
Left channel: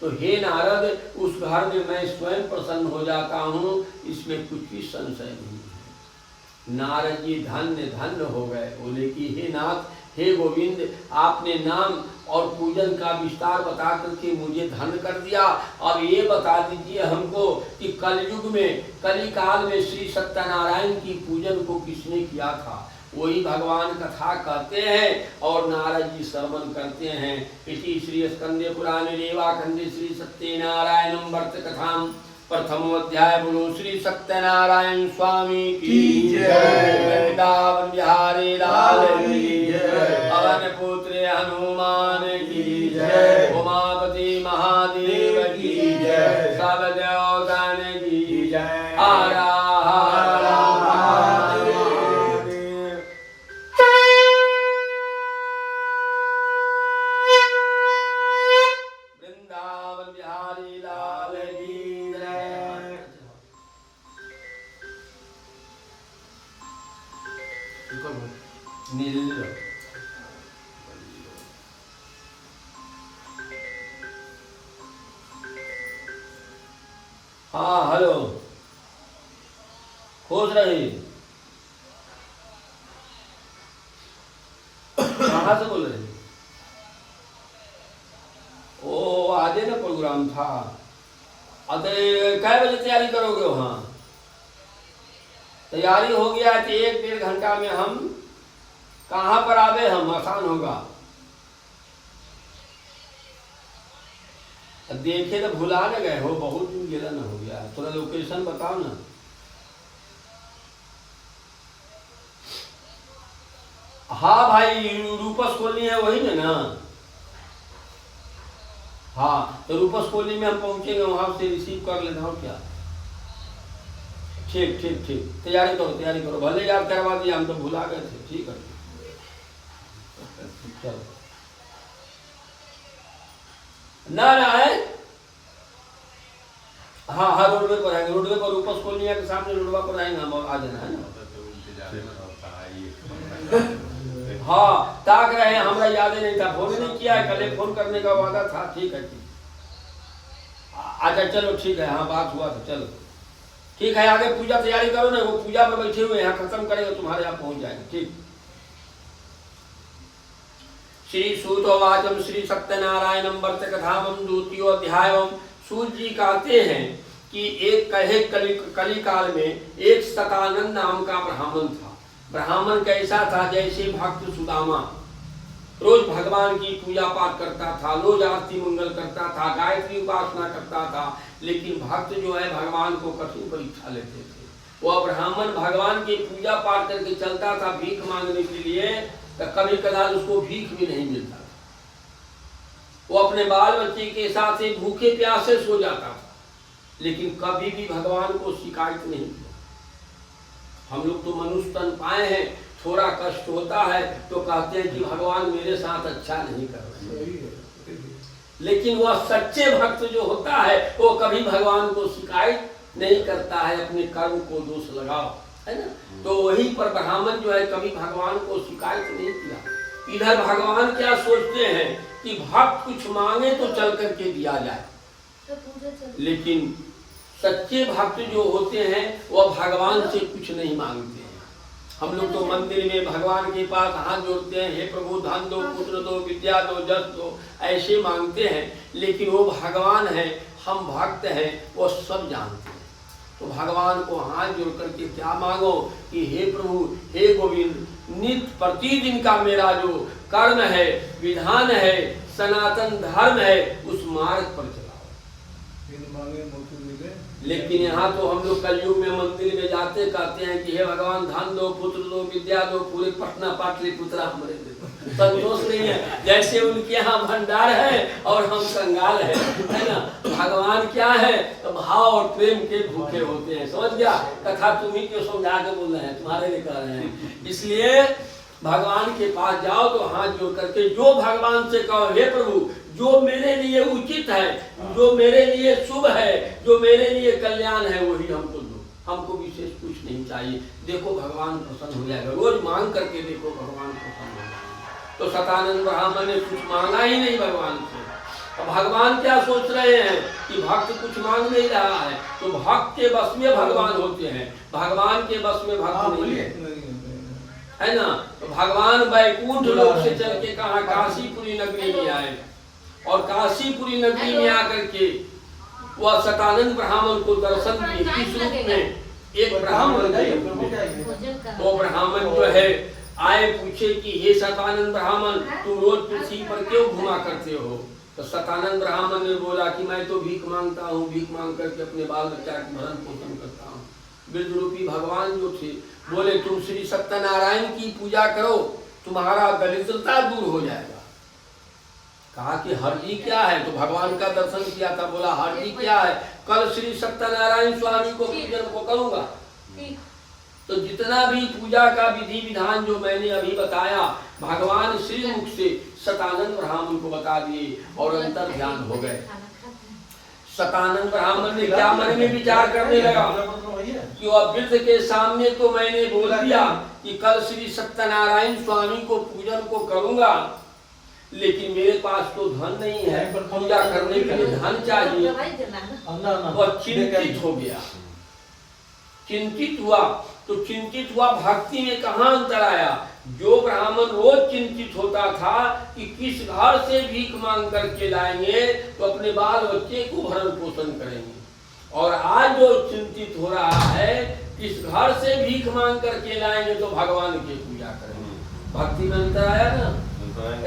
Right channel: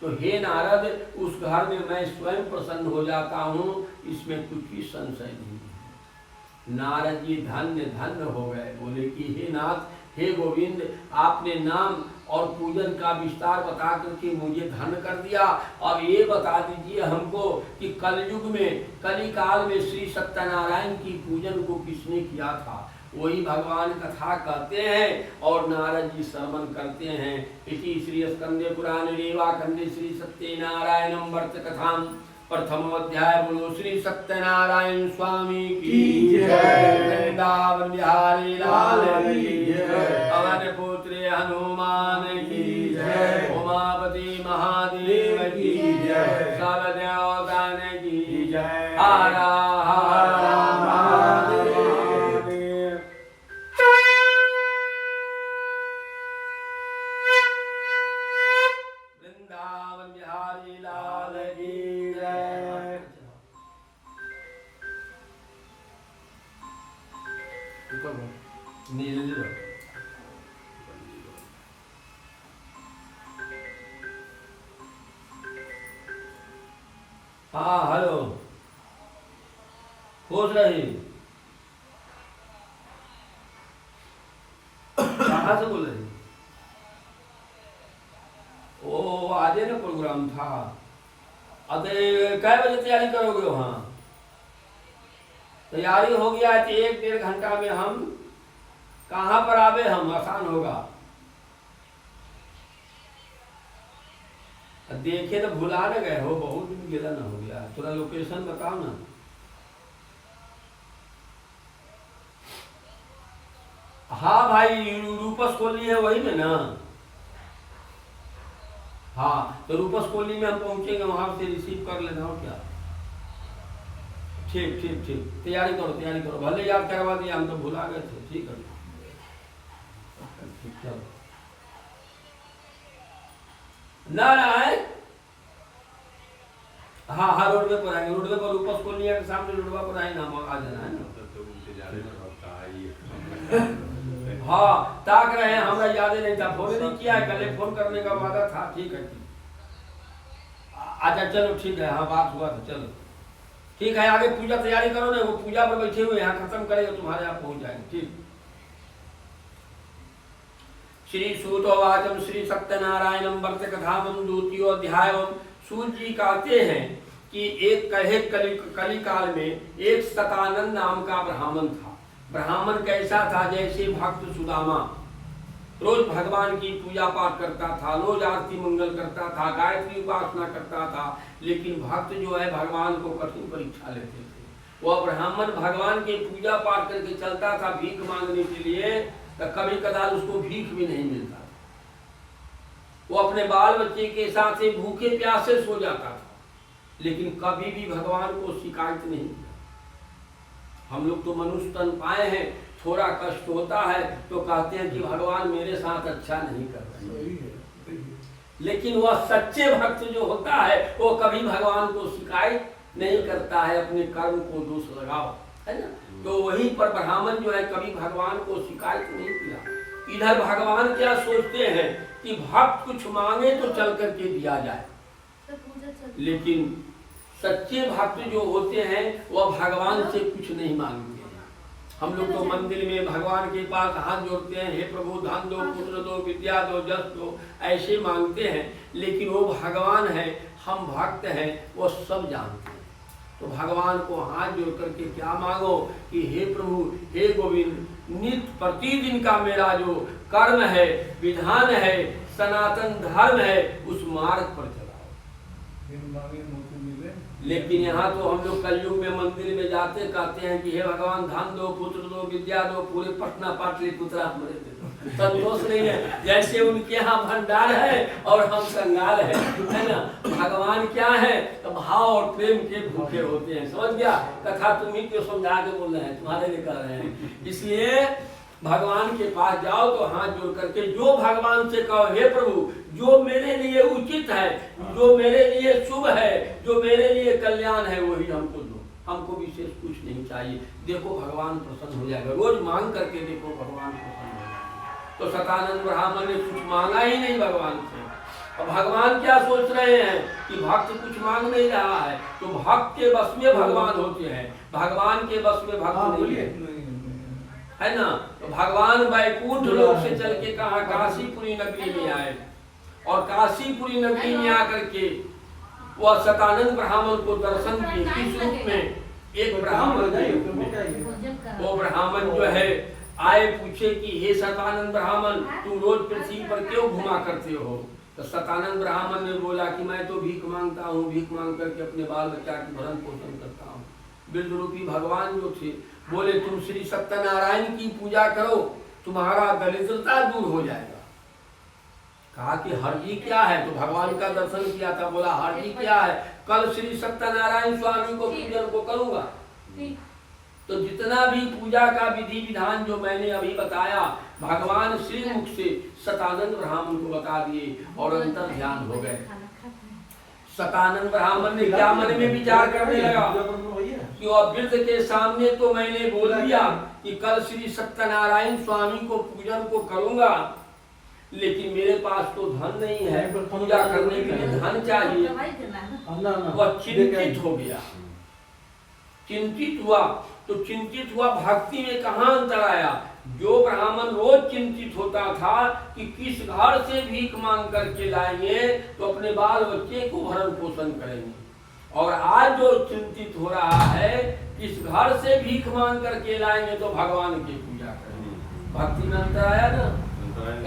तो हे नारद, उस घर में मैं स्वयं प्रसन्न हो जाता हूँ, इसमें कुछ भी संशय नहीं है। नारद जी धन्य धन्य हो गए, बोले कि हे नाथ, हे गोविंद, आपने नाम और पूजन का विस्तार बता करके मुझे धन्य कर दिया। अब ये बता दीजिए हमको कि कलयुग में, कली काल में श्री सत्यनारायण की पूजन को किसने किया था। वही भगवान कथा कहते हैं और नारद जी श्रवण करते हैं। इसी श्री स्कंदे पुराणे रेवाखंडे श्री सत्यनारायणं व्रत कथाम प्रथम अध्याय। बोलो श्री सत्यनारायण स्वामी की जय। वृंदावन बिहारी लाल की जय। पवन पुत्र हनुमान की जय। उमापति महादेव की जय। सब देवतान की जय। हरा हरा हाँ हेलो, खुश रही। कहाँ से बोल रही? ओ आजे ना प्रोग्राम था। अरे कै बजे तैयारी करोगे वहाँ? तैयारी हो गया है तो 1-1.5 घंटा में हम कहाँ पर आवे, हम आसान होगा। देखे तो भुला न गए हो, बहुत दिन गिला न हो गया, थोड़ा लोकेशन बताओ ना। हाँ भाई, रूपस कॉलोनी है वही में ना? हाँ तो रूपस कॉलोनी में हम पहुंचेंगे, वहां से रिसीव कर लेना और क्या। ठीक ठीक ठीक, तैयारी करो, भले याद करवा दिया, हम तो भुला गए थे। ठीक है चलो ना है। हाँ हाँ, रोडवे पर आएंगे, रोडवे पर रूपस कॉलोनी के सामने रोडवा पर आएंगे, हम आ जाना है ना। हाँ ताक रहे हैं, हमारा याद ही नहीं था, फोन नहीं किया है, कल फोन करने का वादा था। ठीक है ठीक, अच्छा चलो ठीक है, हाँ बात हुआ तो चलो ठीक है। आगे पूजा तैयारी करो ना, वो पूजा में बैठे हुए यहाँ खत्म करेंगे, तुम्हारे यहाँ पहुंच जाएंगे। ठीक। श्री सूतोवाचम श्री सत्यनारायणम वर्त कथामं द्वितीयो अध्यायम। सूत जी कहते हैं कि एक कहे कली काल में एक सतानंद नाम का ब्राह्मण था। ब्राह्मण कैसा था? जैसे भक्त सुदामा, रोज भगवान की पूजा पाठ करता था, रोज आरती मंगल करता था, गायत्री उपासना करता था। लेकिन भक्त जो है भगवान को कठिन परीक्षा लेते थे। वह ब्राह्मण भगवान की पूजा पाठ करके चलता था भीख मांगने के लिए, तो कभी कदार उसको भीख भी नहीं मिलता। वो अपने बाल बच्चे के साथ ही भूखे प्यासे सो जाता था, लेकिन कभी भी भगवान को शिकायत नहीं किया। हम लोग तो मनुष्य तन पाए हैं, थोड़ा कष्ट होता है तो कहते हैं कि भगवान मेरे साथ अच्छा नहीं कर रहे। लेकिन वह सच्चे भक्त जो होता है वो कभी भगवान को शिकायत नहीं करता है, अपने कर्म को दोष लगाओ, है ना। तो वहीं पर ब्राह्मण जो है कभी भगवान को शिकायत नहीं किया। इधर भगवान क्या सोचते हैं कि भक्त कुछ मांगे तो चल करके दिया जाए, लेकिन सच्चे भक्त जो होते हैं वह भगवान से कुछ नहीं मांगते हैं। हम लोग तो मंदिर में भगवान के पास हाथ जोड़ते हैं, हे प्रभु धन दो, पुत्र दो, विद्या दो, जस दो, ऐसे मांगते हैं। लेकिन वो भगवान है, हम भक्त हैं, वो सब जानते हैं। तो भगवान को हाथ जोड़ करके क्या मांगो कि हे प्रभु, हे गोविंद, नित्य प्रतिदिन का मेरा जो कर्म है, विधान है, सनातन धर्म है, उस मार्ग पर चलाओ। लेकिन यहाँ तो हम लोग कलयुग में मंदिर में जाते कहते हैं कि हे भगवान धन दो, पुत्र दो, विद्या दो, पूरे पटना पाटलिपुत्र हमारे दे दो। संतोष नहीं है, जैसे उनके यहाँ भंडार है और हम कंगाल है ना। भगवान क्या है? तो भाव और प्रेम के भूखे होते हैं। समझ गया? कथा तुम्ही क्यों समझा के बोल रहे हैं, तुम्हारे लिए कर रहे हैं। इसलिए भगवान के पास जाओ तो हाथ जोड़ करके जो भगवान से कहो, हे प्रभु जो मेरे लिए उचित है, जो मेरे लिए शुभ है, जो मेरे लिए कल्याण है, वही हमको दो, हमको विशेष कुछ नहीं चाहिए। देखो भगवान प्रसन्न हो जाएगा। रोज मांग करके देखो, भगवान प्रसन्न हो जाएगा। तो सतानंद ब्राह्मण ने कुछ मांगा ही नहीं भगवान से। अब भगवान क्या सोच रहे हैं कि भक्त कुछ मांग नहीं रहा है, तो भक्त के बस में भगवान होते हैं, भगवान के बस में भक्त नहीं है ना। तो भगवान वैकुंठ लोक से चल के कहा काशीपुरी नगरी में आए, और काशीपुरी नगरी में आकर के वह सतानंद ब्राह्मण को दर्शन दिए। किस रूप में? एक ब्राह्मण के रूप में। वो ब्राह्मण जो है आए, पूछे कि हे सतानंद ब्राह्मण, तुम रोज पृथ्वी पर क्यों घुमा करते हो? तो सतानंद ब्राह्मण ने बोला कि मैं तो भीख मांगता हूँ, भीख मांग करके अपने बाल बच्चा की भरण पोषण करता हूँ। वृद्ध रूपी भगवान जो थे बोले तुम श्री सत्यनारायण की पूजा करो, तुम्हारा दरिद्रता दूर हो जाएगा। कहा कि हरजी क्या है? तो भगवान का दर्शन किया था, बोला हरजी क्या है? कल श्री सत्यनारायण स्वामी को पूजन को करूंगा। तो जितना भी पूजा का विधि विधान जो मैंने अभी बताया, भगवान श्री मुख से सतानंद ब्राह्मण को बता दिए और अंतर ध्यान हो गए। सतानंद ब्राह्मण ने क्या मन में विचार करने लगा कि वह वृद्ध के सामने तो मैंने बोल दिया कि कल श्री सत्यनारायण स्वामी को पूजन को करूंगा, लेकिन मेरे पास तो धन नहीं है, पूजा करने के लिए धन चाहिए। वह चिंतित हो गया, चिंतित हुआ। तो चिंतित हुआ, भक्ति में कहाँ अंतर आया? जो ब्राह्मण रोज चिंतित होता था कि किस घर से भीख मांग करके लाएंगे तो अपने बाल बच्चे को भरण पोषण करेंगे, और आज जो चिंतित हो रहा है किस घर से भीख मांग करके लाएंगे तो भगवान की पूजा करेंगे। भक्ति में अंतर आया ना।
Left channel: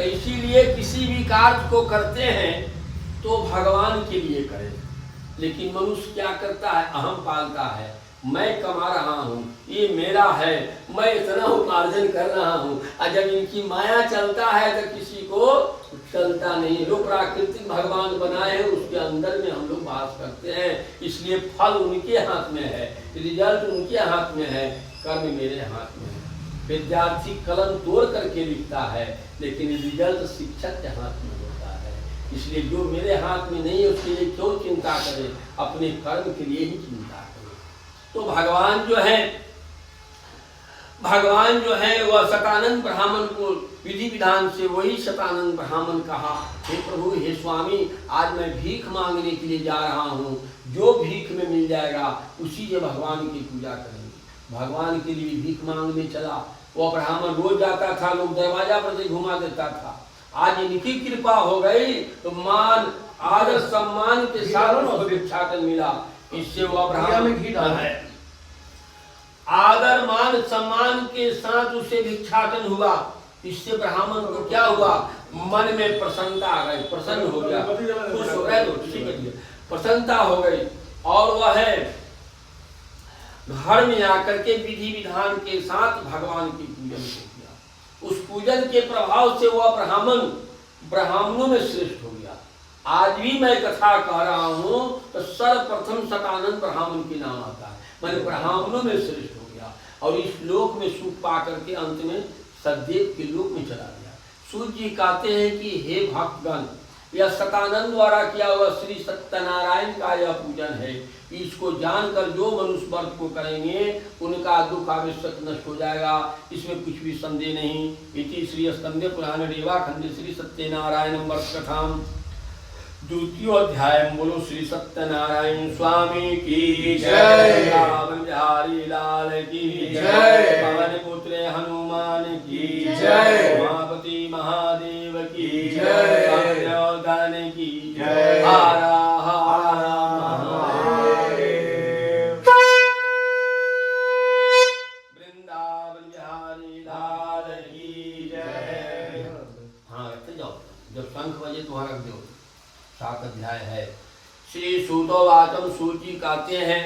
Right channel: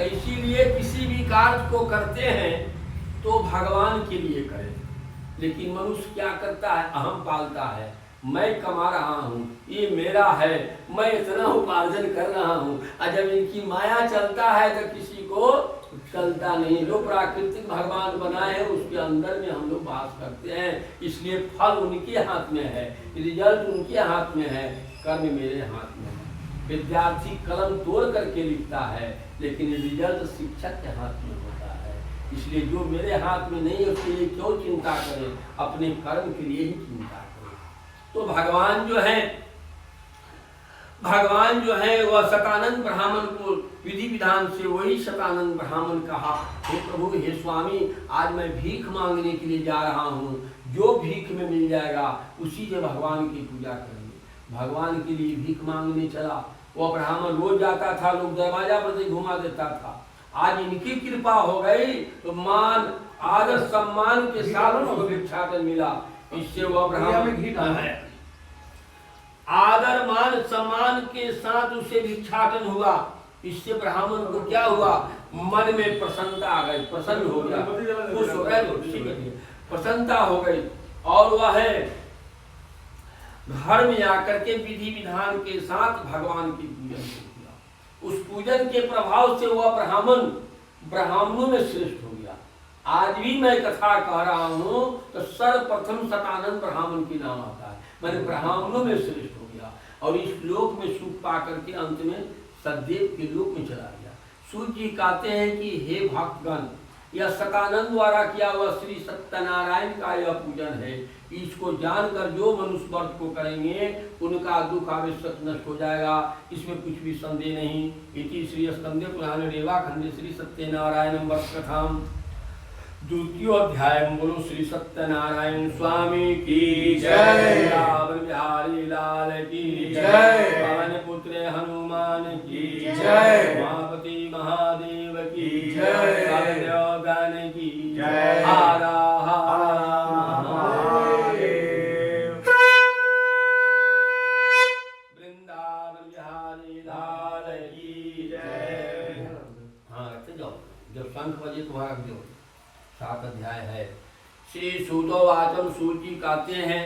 इसीलिए किसी भी कार्य को करते हैं तो भगवान के लिए करें, लेकिन मनुष्य क्या करता है, अहम पालता है, मैं कमा रहा हूँ, ये मेरा है, मैं इतना उपार्जन कर रहा हूँ, और जब इनकी माया चलता है तो किसी को चलता नहीं। जो प्राकृतिक भगवान बनाए हैं उसके अंदर में हम लोग वास करते हैं, इसलिए फल उनके हाथ में है, रिजल्ट उनके हाथ में है, कर्म मेरे हाथ में है। विद्यार्थी कलम तोड़ करके लिखता है, लेकिन रिजल्ट शिक्षक के हाथ में होता है। इसलिए जो मेरे हाथ में नहीं है उसके लिए क्यों चिंता करें, अपने कर्म के लिए ही चिंता करें। तो भगवान जो है वह शतानंद ब्राह्मण को विधि विधान से वही शतानंद ब्राह्मण कहा, हे प्रभु, हे स्वामी, आज मैं भीख मांगने के लिए जा रहा हूँ, जो भीख में मिल जाएगा उसी से भगवान की पूजा करेंगे। भगवान के लिए भीख मांगने चला। वह ब्राह्मण रोज जाता था, लोग दरवाजा पर से घुमा देता था। आज इनकी कृपा हो गई तो मान आदर सम्मान के साथ उसको भिक्षाटन मिला। इससे वह ब्राह्मण है आदर मान सम्मान के साथ उसे भिक्षाटन हुआ। इससे ब्राह्मण को क्या हुआ, मन में प्रसन्नता आ गई, प्रसन्न हो गया, खुश हो गए, प्रसन्नता हो गई, और वह है घर में आकर के विधि विधान के साथ भगवान की पूजन को किया। उस पूजन के प्रभाव से वह ब्राह्मणों में श्रेष्ठ हो गया। आज भी मैं कथा कह रहा हूँ तो सर्वप्रथम शतानंद ब्राह्मण के नाम आता है, मैंने ब्राह्मणों में श्रेष्ठ हो गया, और इस लोक में सुख पा करके अंत में सदैव के लोक में चला गया। सूर्य जी कहते हैं कि हे भक्तगण, यह शतानंद द्वारा किया हुआ श्री सत्यनारायण का यह पूजन है। इसको जानकर जो मनुष्य व्रत को करेंगे उनका दुख आवश्यक नष्ट हो जाएगा, इसमें कुछ भी संदेह नहीं। इति श्री स्कंदे पुराण रेवा खंडे श्री सत्यनारायण व्रत कथाम द्वितीय अध्याय। बोलो श्री सत्यनारायण स्वामी की जय, बिहारी लाल की जय, पवन पुत्र हनुमान की जय, उमापति महादेव की जय, दान की जय, हर हर महादेव। वृंदावन बिहारी लाल की जय। हाँ रखते जाओ, जब शंख बजे तो रख दो। 7 अध्याय है। श्री सूतोवाचम, सूची कहते हैं,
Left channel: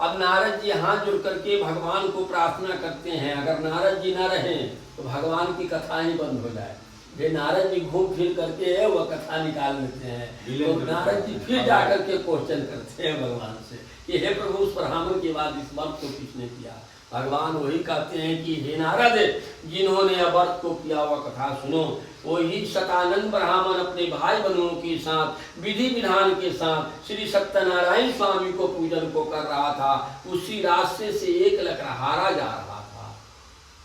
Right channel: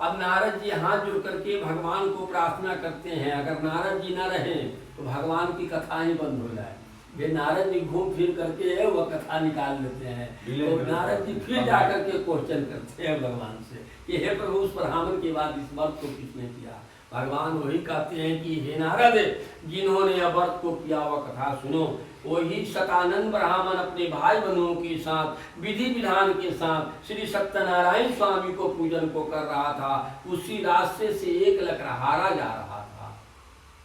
अब नारद जी हाथ जुड़ करके भगवान को प्रार्थना करते हैं। अगर नारद जी न रहे तो भगवान की कथा ही बंद हो जाए। वे नारद जी घूम फिर करके वह कथा निकाल लेते हैं, तो नारद जी फिर जाकर के क्वेश्चन करते हैं भगवान से कि हे प्रभु, उस ब्राह्मण के बाद इस व्रत को किसने किया। भगवान वही कहते हैं कि हे नारद, जिन्होंने व्रत को किया वह कथा सुनो। वही शतानंद ब्राह्मण अपने भाई बंधुओं के साथ विधि विधान के साथ श्री सत्यनारायण स्वामी को पूजन को कर रहा था। उसी रास्ते से एक लकड़हारा जा रहा था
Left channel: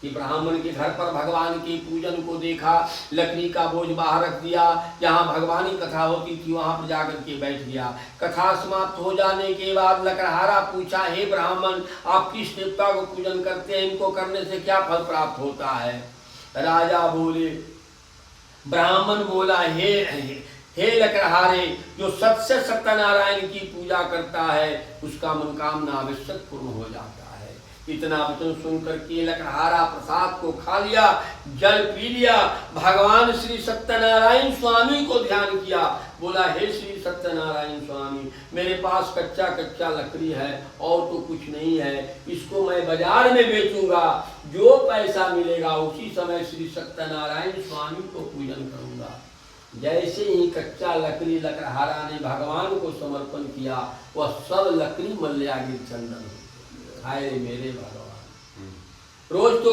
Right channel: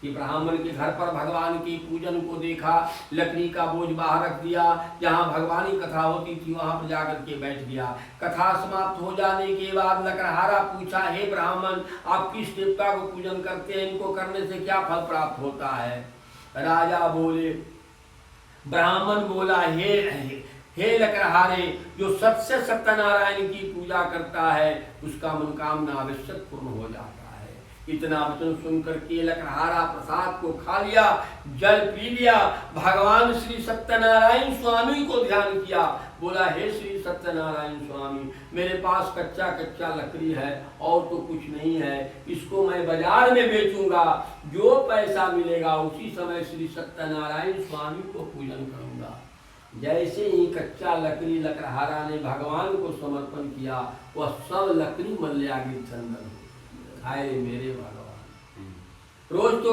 कि ब्राह्मण के घर पर भगवान के पूजन को देखा, लकड़ी का बोझ बाहर रख दिया, जहाँ भगवान की कथा होती थी वहां पर जाकर के बैठ गया। कथा समाप्त हो जाने के बाद लकड़हारा पूछा, हे ब्राह्मण, आप किस देवता को पूजन करते हैं, इनको करने से क्या फल प्राप्त होता है। राजा बोले, ब्राह्मण बोला, हे लकड़हारे, जो सत्य सत्यनारायण की पूजा करता है उसका मनोकामना आवश्यक पूर्ण हो जाता है। इतना वचन सुनकर के लकड़हारा प्रसाद को खा लिया, जल पी लिया, भगवान श्री सत्यनारायण स्वामी को ध्यान किया। बोला, हे श्री सत्यनारायण स्वामी, मेरे पास कच्चा लकड़ी है और तो कुछ नहीं है, इसको मैं बाजार में बेचूंगा, जो पैसा मिलेगा उसी समय श्री सत्यनारायण स्वामी को पूजन करूंगा। जैसे ही कच्चा लकड़ी लकड़हारा ने भगवान को समर्पण किया, वह सब लकड़ी मल्यागिर चंदन हाय मेरे भगवान। रोज तो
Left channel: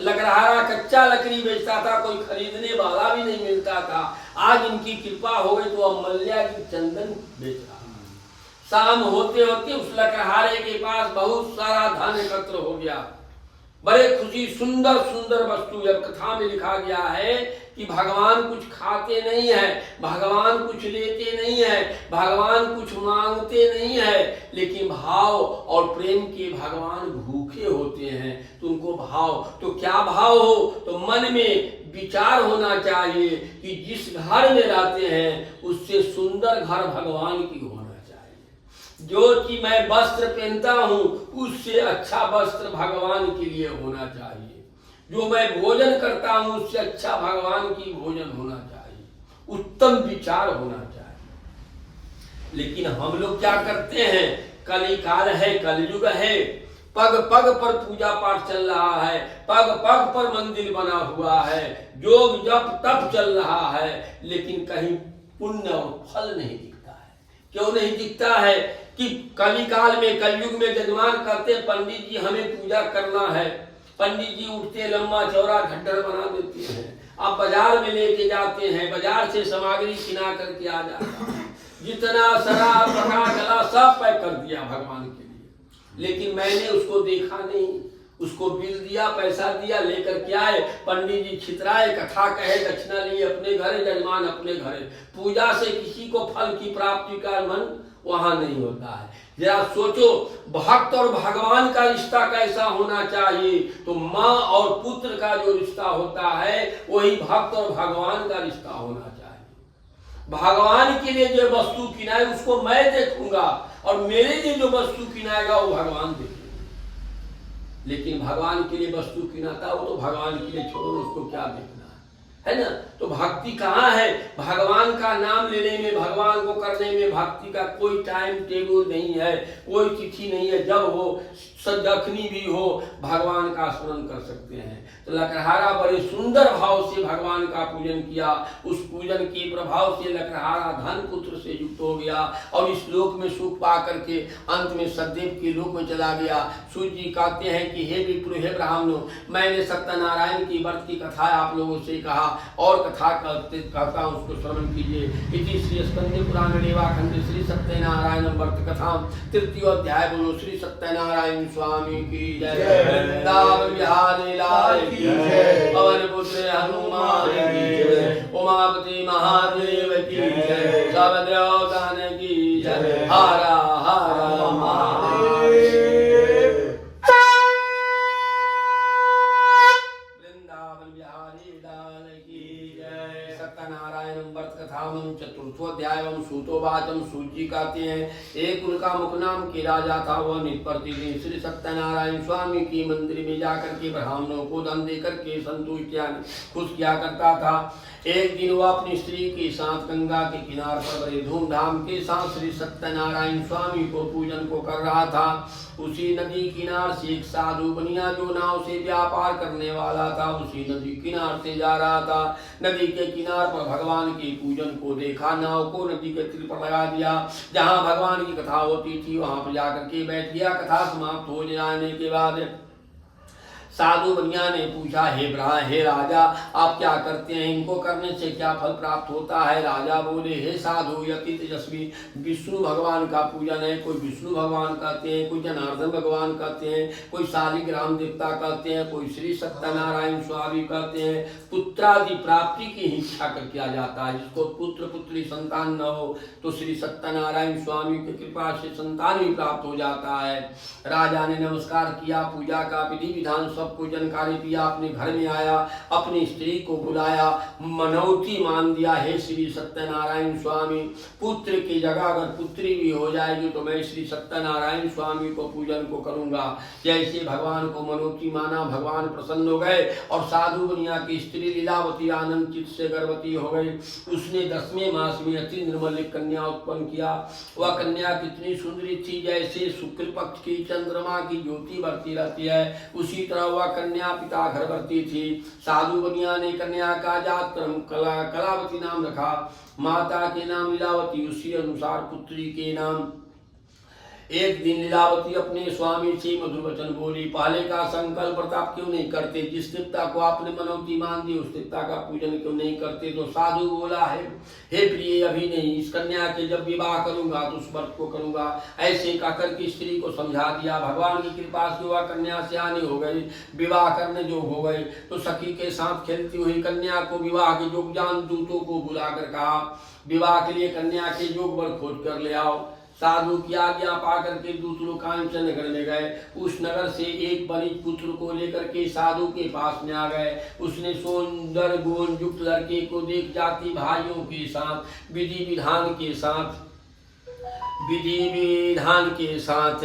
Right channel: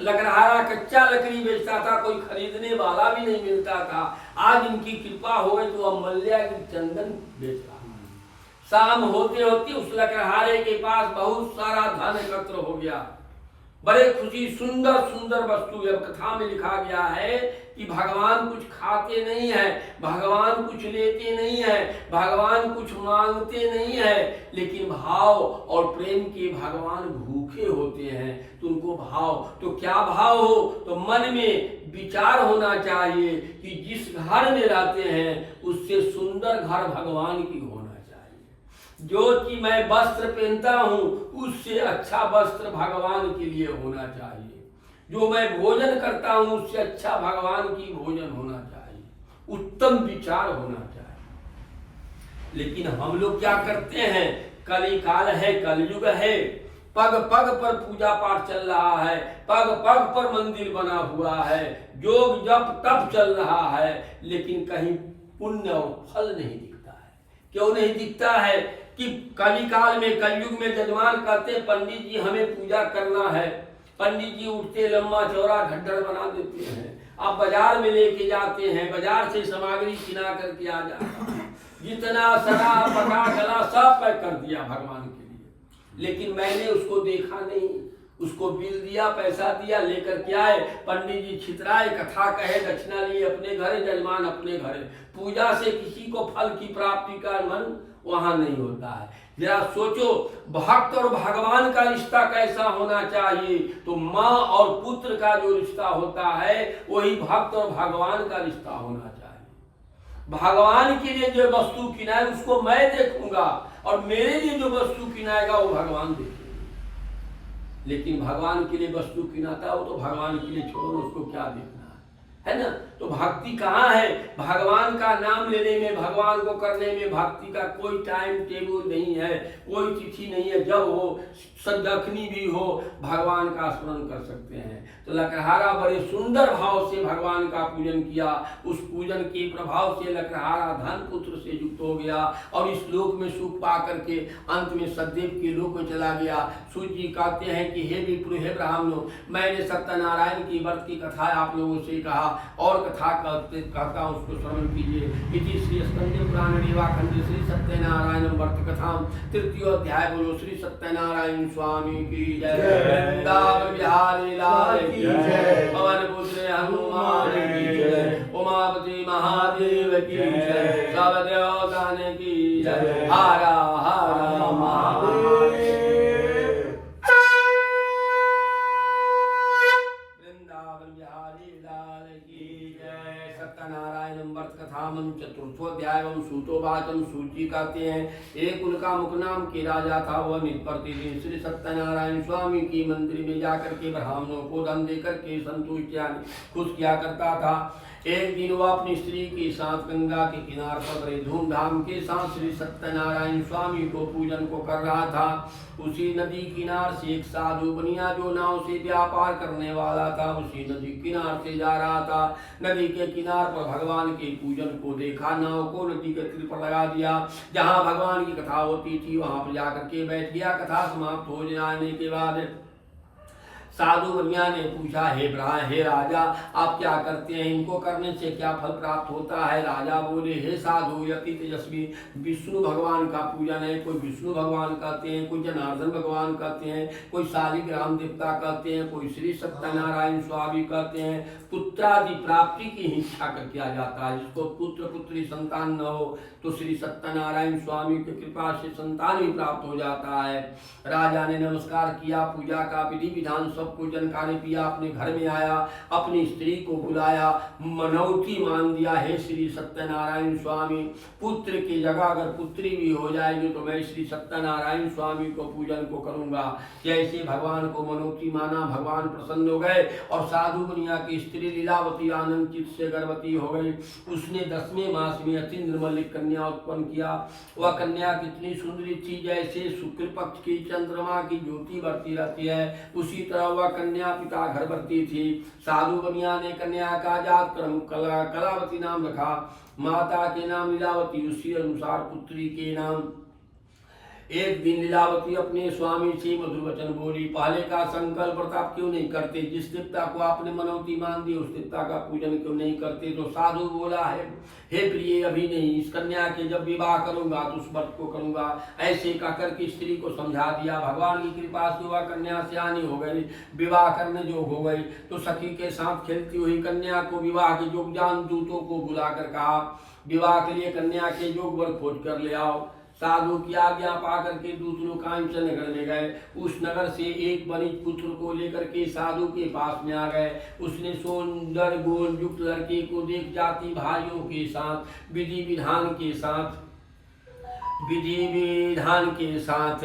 लकड़हारा कच्चा लकड़ी बेचता था, कोई खरीदने वाला भी नहीं मिलता था। आज इनकी कृपा हो गई तो वह मल्यागिर चंदन बेच रहा। शाम होते होते उस लकड़हारे के पास बहुत सारा धन एकत्र हो गया। बड़े खुशी सुंदर सुंदर वस्तु। जब कथा में लिखा गया है कि भगवान कुछ खाते नहीं है, भगवान कुछ लेते नहीं है, भगवान कुछ मांगते नहीं है, लेकिन भाव और प्रेम के भगवान भूखे होते हैं। तो उनको भाव, तो क्या भाव हो, तो मन में विचार होना चाहिए कि जिस घर में रहते हैं उससे सुंदर घर भगवान की होना चाहिए। जो कि मैं वस्त्र पहनता हूं उससे अच्छा वस्त्र भगवान के लिए होना चाहिए। जो मैं भोजन करता हूं उससे अच्छा भगवान की भोजन होना चाहिए। उत्तम विचार होना चाहिए। लेकिन हम लोग क्या करते हैं, कलिकाल है, कलयुग है, पग पग पर पूजा पाठ चल रहा है, पग पग पर मंदिर बना हुआ है, योग जप तप चल रहा है, लेकिन कहीं पुण्य और फल नहीं दिखता है। क्यों नहीं दिखता है कि कलिकाल में, कलयुग में जजमान कहते पंडित जी हमें पूजा करना है, पंडित जी उठते लंबा चौड़ा खड्डर बना देते हैं, आप बाजार में लेके जाते हैं, बाजार से सामग्री किना करके आ जाता है, जितना शराब पका चला सब पैक कर दिया भगवान के लिए। लेकिन मैंने उसको देखा नहीं, उसको बिल दिया, पैसा दिया, लेकर के आए, पंडित जी छितराए, कथा कहे, दक्षिणा लिए अपने घरे, जजमान अपने घरे। पूजा से किसी को फल की प्राप्ति का मन वहां नहीं होता है। जरा सोचो, भक्त और भगवान का रिश्ता कैसा होना चाहिए। तो माँ और पुत्र का जो रिश्ता होता है वही भक्त और भगवान का रिश्ता होना चाहिए। भगवान के लिए जो वस्तु किनाए उसको मैं देखूंगा और मेरे लिए जो वस्तु किनाएगा वो भगवान देखेंगे। लेकिन भगवान के लिए वस्तु किनाता हो तो भगवान के लिए छोड़ो, उसको क्या देखना है ना। तो भक्ति कहाँ है, भगवान का नाम लेने में, भगवान को करने में भक्ति का कोई टाइम टेबल नहीं है, कोई तिथि नहीं है। जब वो सदखनी भी हो भगवान का स्मरण कर सकते हैं। तो लकड़हारा बड़े सुंदर भाव से भगवान का पूजन किया। उस पूजन के प्रभाव से लकड़हारा धन पुत्र से युक्त हो गया और इस लोक में सुख पा करके अंत में सतदेव के लोक में चला गया। सूर्य जी कहते हैं कि हे विप्रो, हे ब्राह्मणों, मैंने सत्यनारायण की व्रत की कथा आप लोगों से कहा और कथा कहता हूँ, उसको श्रवण कीजिए। इति श्री स्कंद पुराण रेवाखंड श्री सत्यनारायण व्रत कथा तृतीय अध्याय। बोलो श्री सत्यनारायण स्वामी की जय। वृंदावन बिहारी लाल की जय। पवन पुत्र हनुमान की जय। उमापति महादेव की जय। सब देवतान की जय। हरा हरा महादेव। वृंदावन बिहारी लाल की जय। सत्यनारायण व्रत कथामं चतुर्थोध्यायम सूतोवाचम। सूची कहते हैं एक उनका मुख नाम के राजा था, वह प्रतिदिन श्री सत्यनारायण स्वामी की मंदिर में जाकर के ब्राह्मणों को धन देकर के संतुष्ट खुश किया करता था। एक दिन वह अपनी स्त्री के साथ गंगा के किनार पर बड़े धूमधाम के साथ श्री सत्यनारायण स्वामी को पूजन को कर रहा था। उसी नदी किनार से एक साधु बनिया जो नाव से व्यापार करने वाला था, उसी नदी किनार से जा रहा था। नदी के किनार पर भगवान के पूजन को देखा, नाव को नदी के तीर पर लगा दिया। जहाँ भगवान की कथा होती थी वहां पर जाकर के बैठ गया। कथा समाप्त हो जाने के बाद साधु बनिया ने पूछा, हे राजा, आप क्या करते हैं, इनको करने से क्या फल प्राप्त होता है। राजा बोले, हे साधु, यति तेजस्वी विष्णु भगवान का पूजन है। कोई विष्णु भगवान कहते हैं, कोई जनार्दन भगवान कहते हैं, कोई शालिग्राम देवता कहते हैं, कोई श्री सत्यनारायण स्वामी कहते हैं। पुत्रादि प्राप्ति की इच्छा कर किया जाता है। जिसको पुत्र पुत्री संतान न हो तो श्री सत्यनारायण स्वामी की कृपा से संतान भी प्राप्त हो जाता है। राजा ने नमस्कार किया, पूजा का विधि विधान सबको जानकारी दिया, अपने घर में आया, अपनी स्त्री को बुलाया, मनौती मान दिया, हे श्री सत्यनारायण स्वामी, पुत्र की जगह अगर पुत्री भी हो जाएगी तो मैं श्री सत्यनारायण स्वामी को पूजन को करूंगा। जैसे भगवान को मनौती माना, भगवान प्रसन्न हो गए और साधु बनिया की स्त्री लीलावती आनंद चित्त से गर्भवती हो गई। उसने 10वें मास में अति निर्मल कन्या उत्पन्न किया। वह कन्या कितनी सुंदरी थी, जैसे शुक्ल पक्ष की चंद्रमा की ज्योति बढ़ती रहती है, उसी तरह वह कन्या पिता घर बढ़ती थी। साधु बनिया ने कन्या का जात क्रम कलावती नाम रखा, माता के नाम लीलावती, उसी अनुसार पुत्री के नाम एक दिन लीलावती अपने स्वामी से मधुर वचन बोली, पहले का संकल्प प्रताप क्यों नहीं करते? जिस देवता को आपने मनौती मान दी उस देवता का पूजन क्यों नहीं करते? तो साधु बोला है, हे प्रिय, अभी नहीं, इस कन्या के जब विवाह करूंगा तो उस व्रत को करूंगा। ऐसे कहकर के स्त्री को समझा दिया। भगवान की कृपा से वह कन्या सियानी हो गई, विवाह करने जोग हो गई। तो सखी के साथ खेलती हुई कन्या को विवाह के योग जान दूतों को बुलाकर कहा, विवाह के लिए कन्या के योग वर खोज कर ले आओ। साधु की आज्ञा पाकर के दूत लोग कांचन नगर में गए। उस नगर से एक वनिज पुत्र को लेकर के साधु के पास में आ गए। उसने सुंदर गुण युक्त लड़के को देख जाति भाइयों के साथ विधि विधान के साथ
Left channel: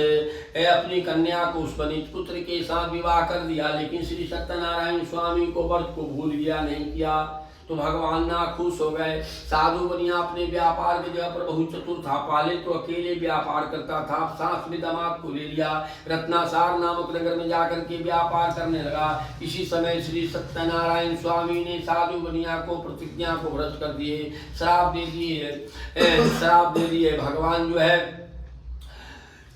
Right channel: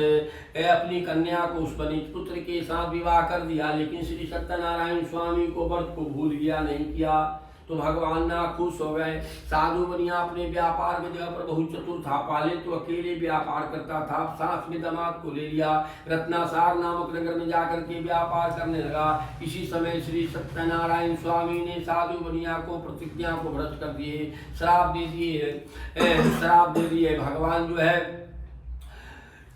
अपनी कन्या को उस वनिज पुत्र के साथ विवाह कर दिया। लेकिन श्री सत्यनारायण स्वामी को व्रत को भूल गया, नहीं किया। तो भगवान ना खुश हो गए। साधु बनिया अपने व्यापार में जगह पर बहुत चतुर था। पहले तो अकेले व्यापार करता था, साथ में दामाद को ले लिया, रत्नासार नामक नगर में जाकर के व्यापार करने लगा। इसी समय श्री सत्यनारायण स्वामी ने साधु बनिया को प्रतिज्ञा को भ्रष्ट कर दिए, श्राप दे दिए। भगवान जो है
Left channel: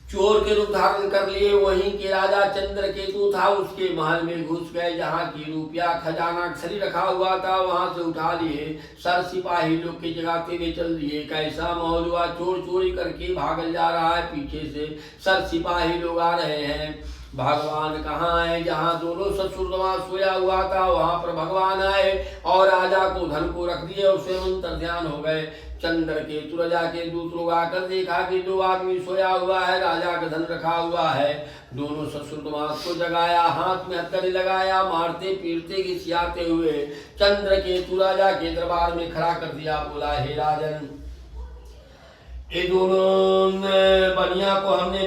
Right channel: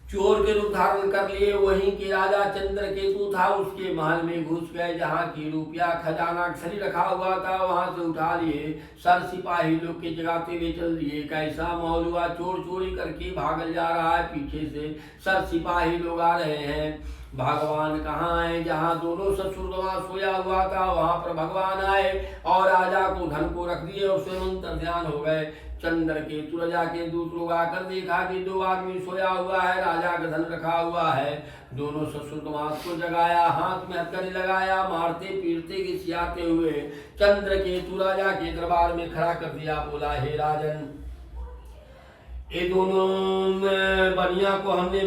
चोर के रूप धारण कर लिए। वहीं के राजा चंद्रकेतु था, उसके महल में घुस गए। जहाँ की रुपया खजाना खरी रखा हुआ था वहां से उठा लिए, सर सिपाही लोग के जगाते हुए चल दिए। कैसा माहौल हुआ, चोर चोरी करके भागल जा रहा है, पीछे से सर सिपाही लोग आ रहे हैं। भगवान कहाँ आए? जहाँ दोनों ससुर सोया हुआ था वहां पर भगवान आए और राजा को धन को रख दिए और स्वयं ध्यान हो गए। चंद्रकेतु राजा के दूत लोग आकर देखा कि दो आदमी सोया हुआ है, राजा का धन रखा हुआ है। दोनों ससुर को जगाया, हाथ में हथकड़ी लगाया, मारते पीटते घिसियाते हुए चंद्रकेतु राजा के दरबार में खड़ा कर दिया। बोला, हे राजन, ये दोनों बनिया को हमने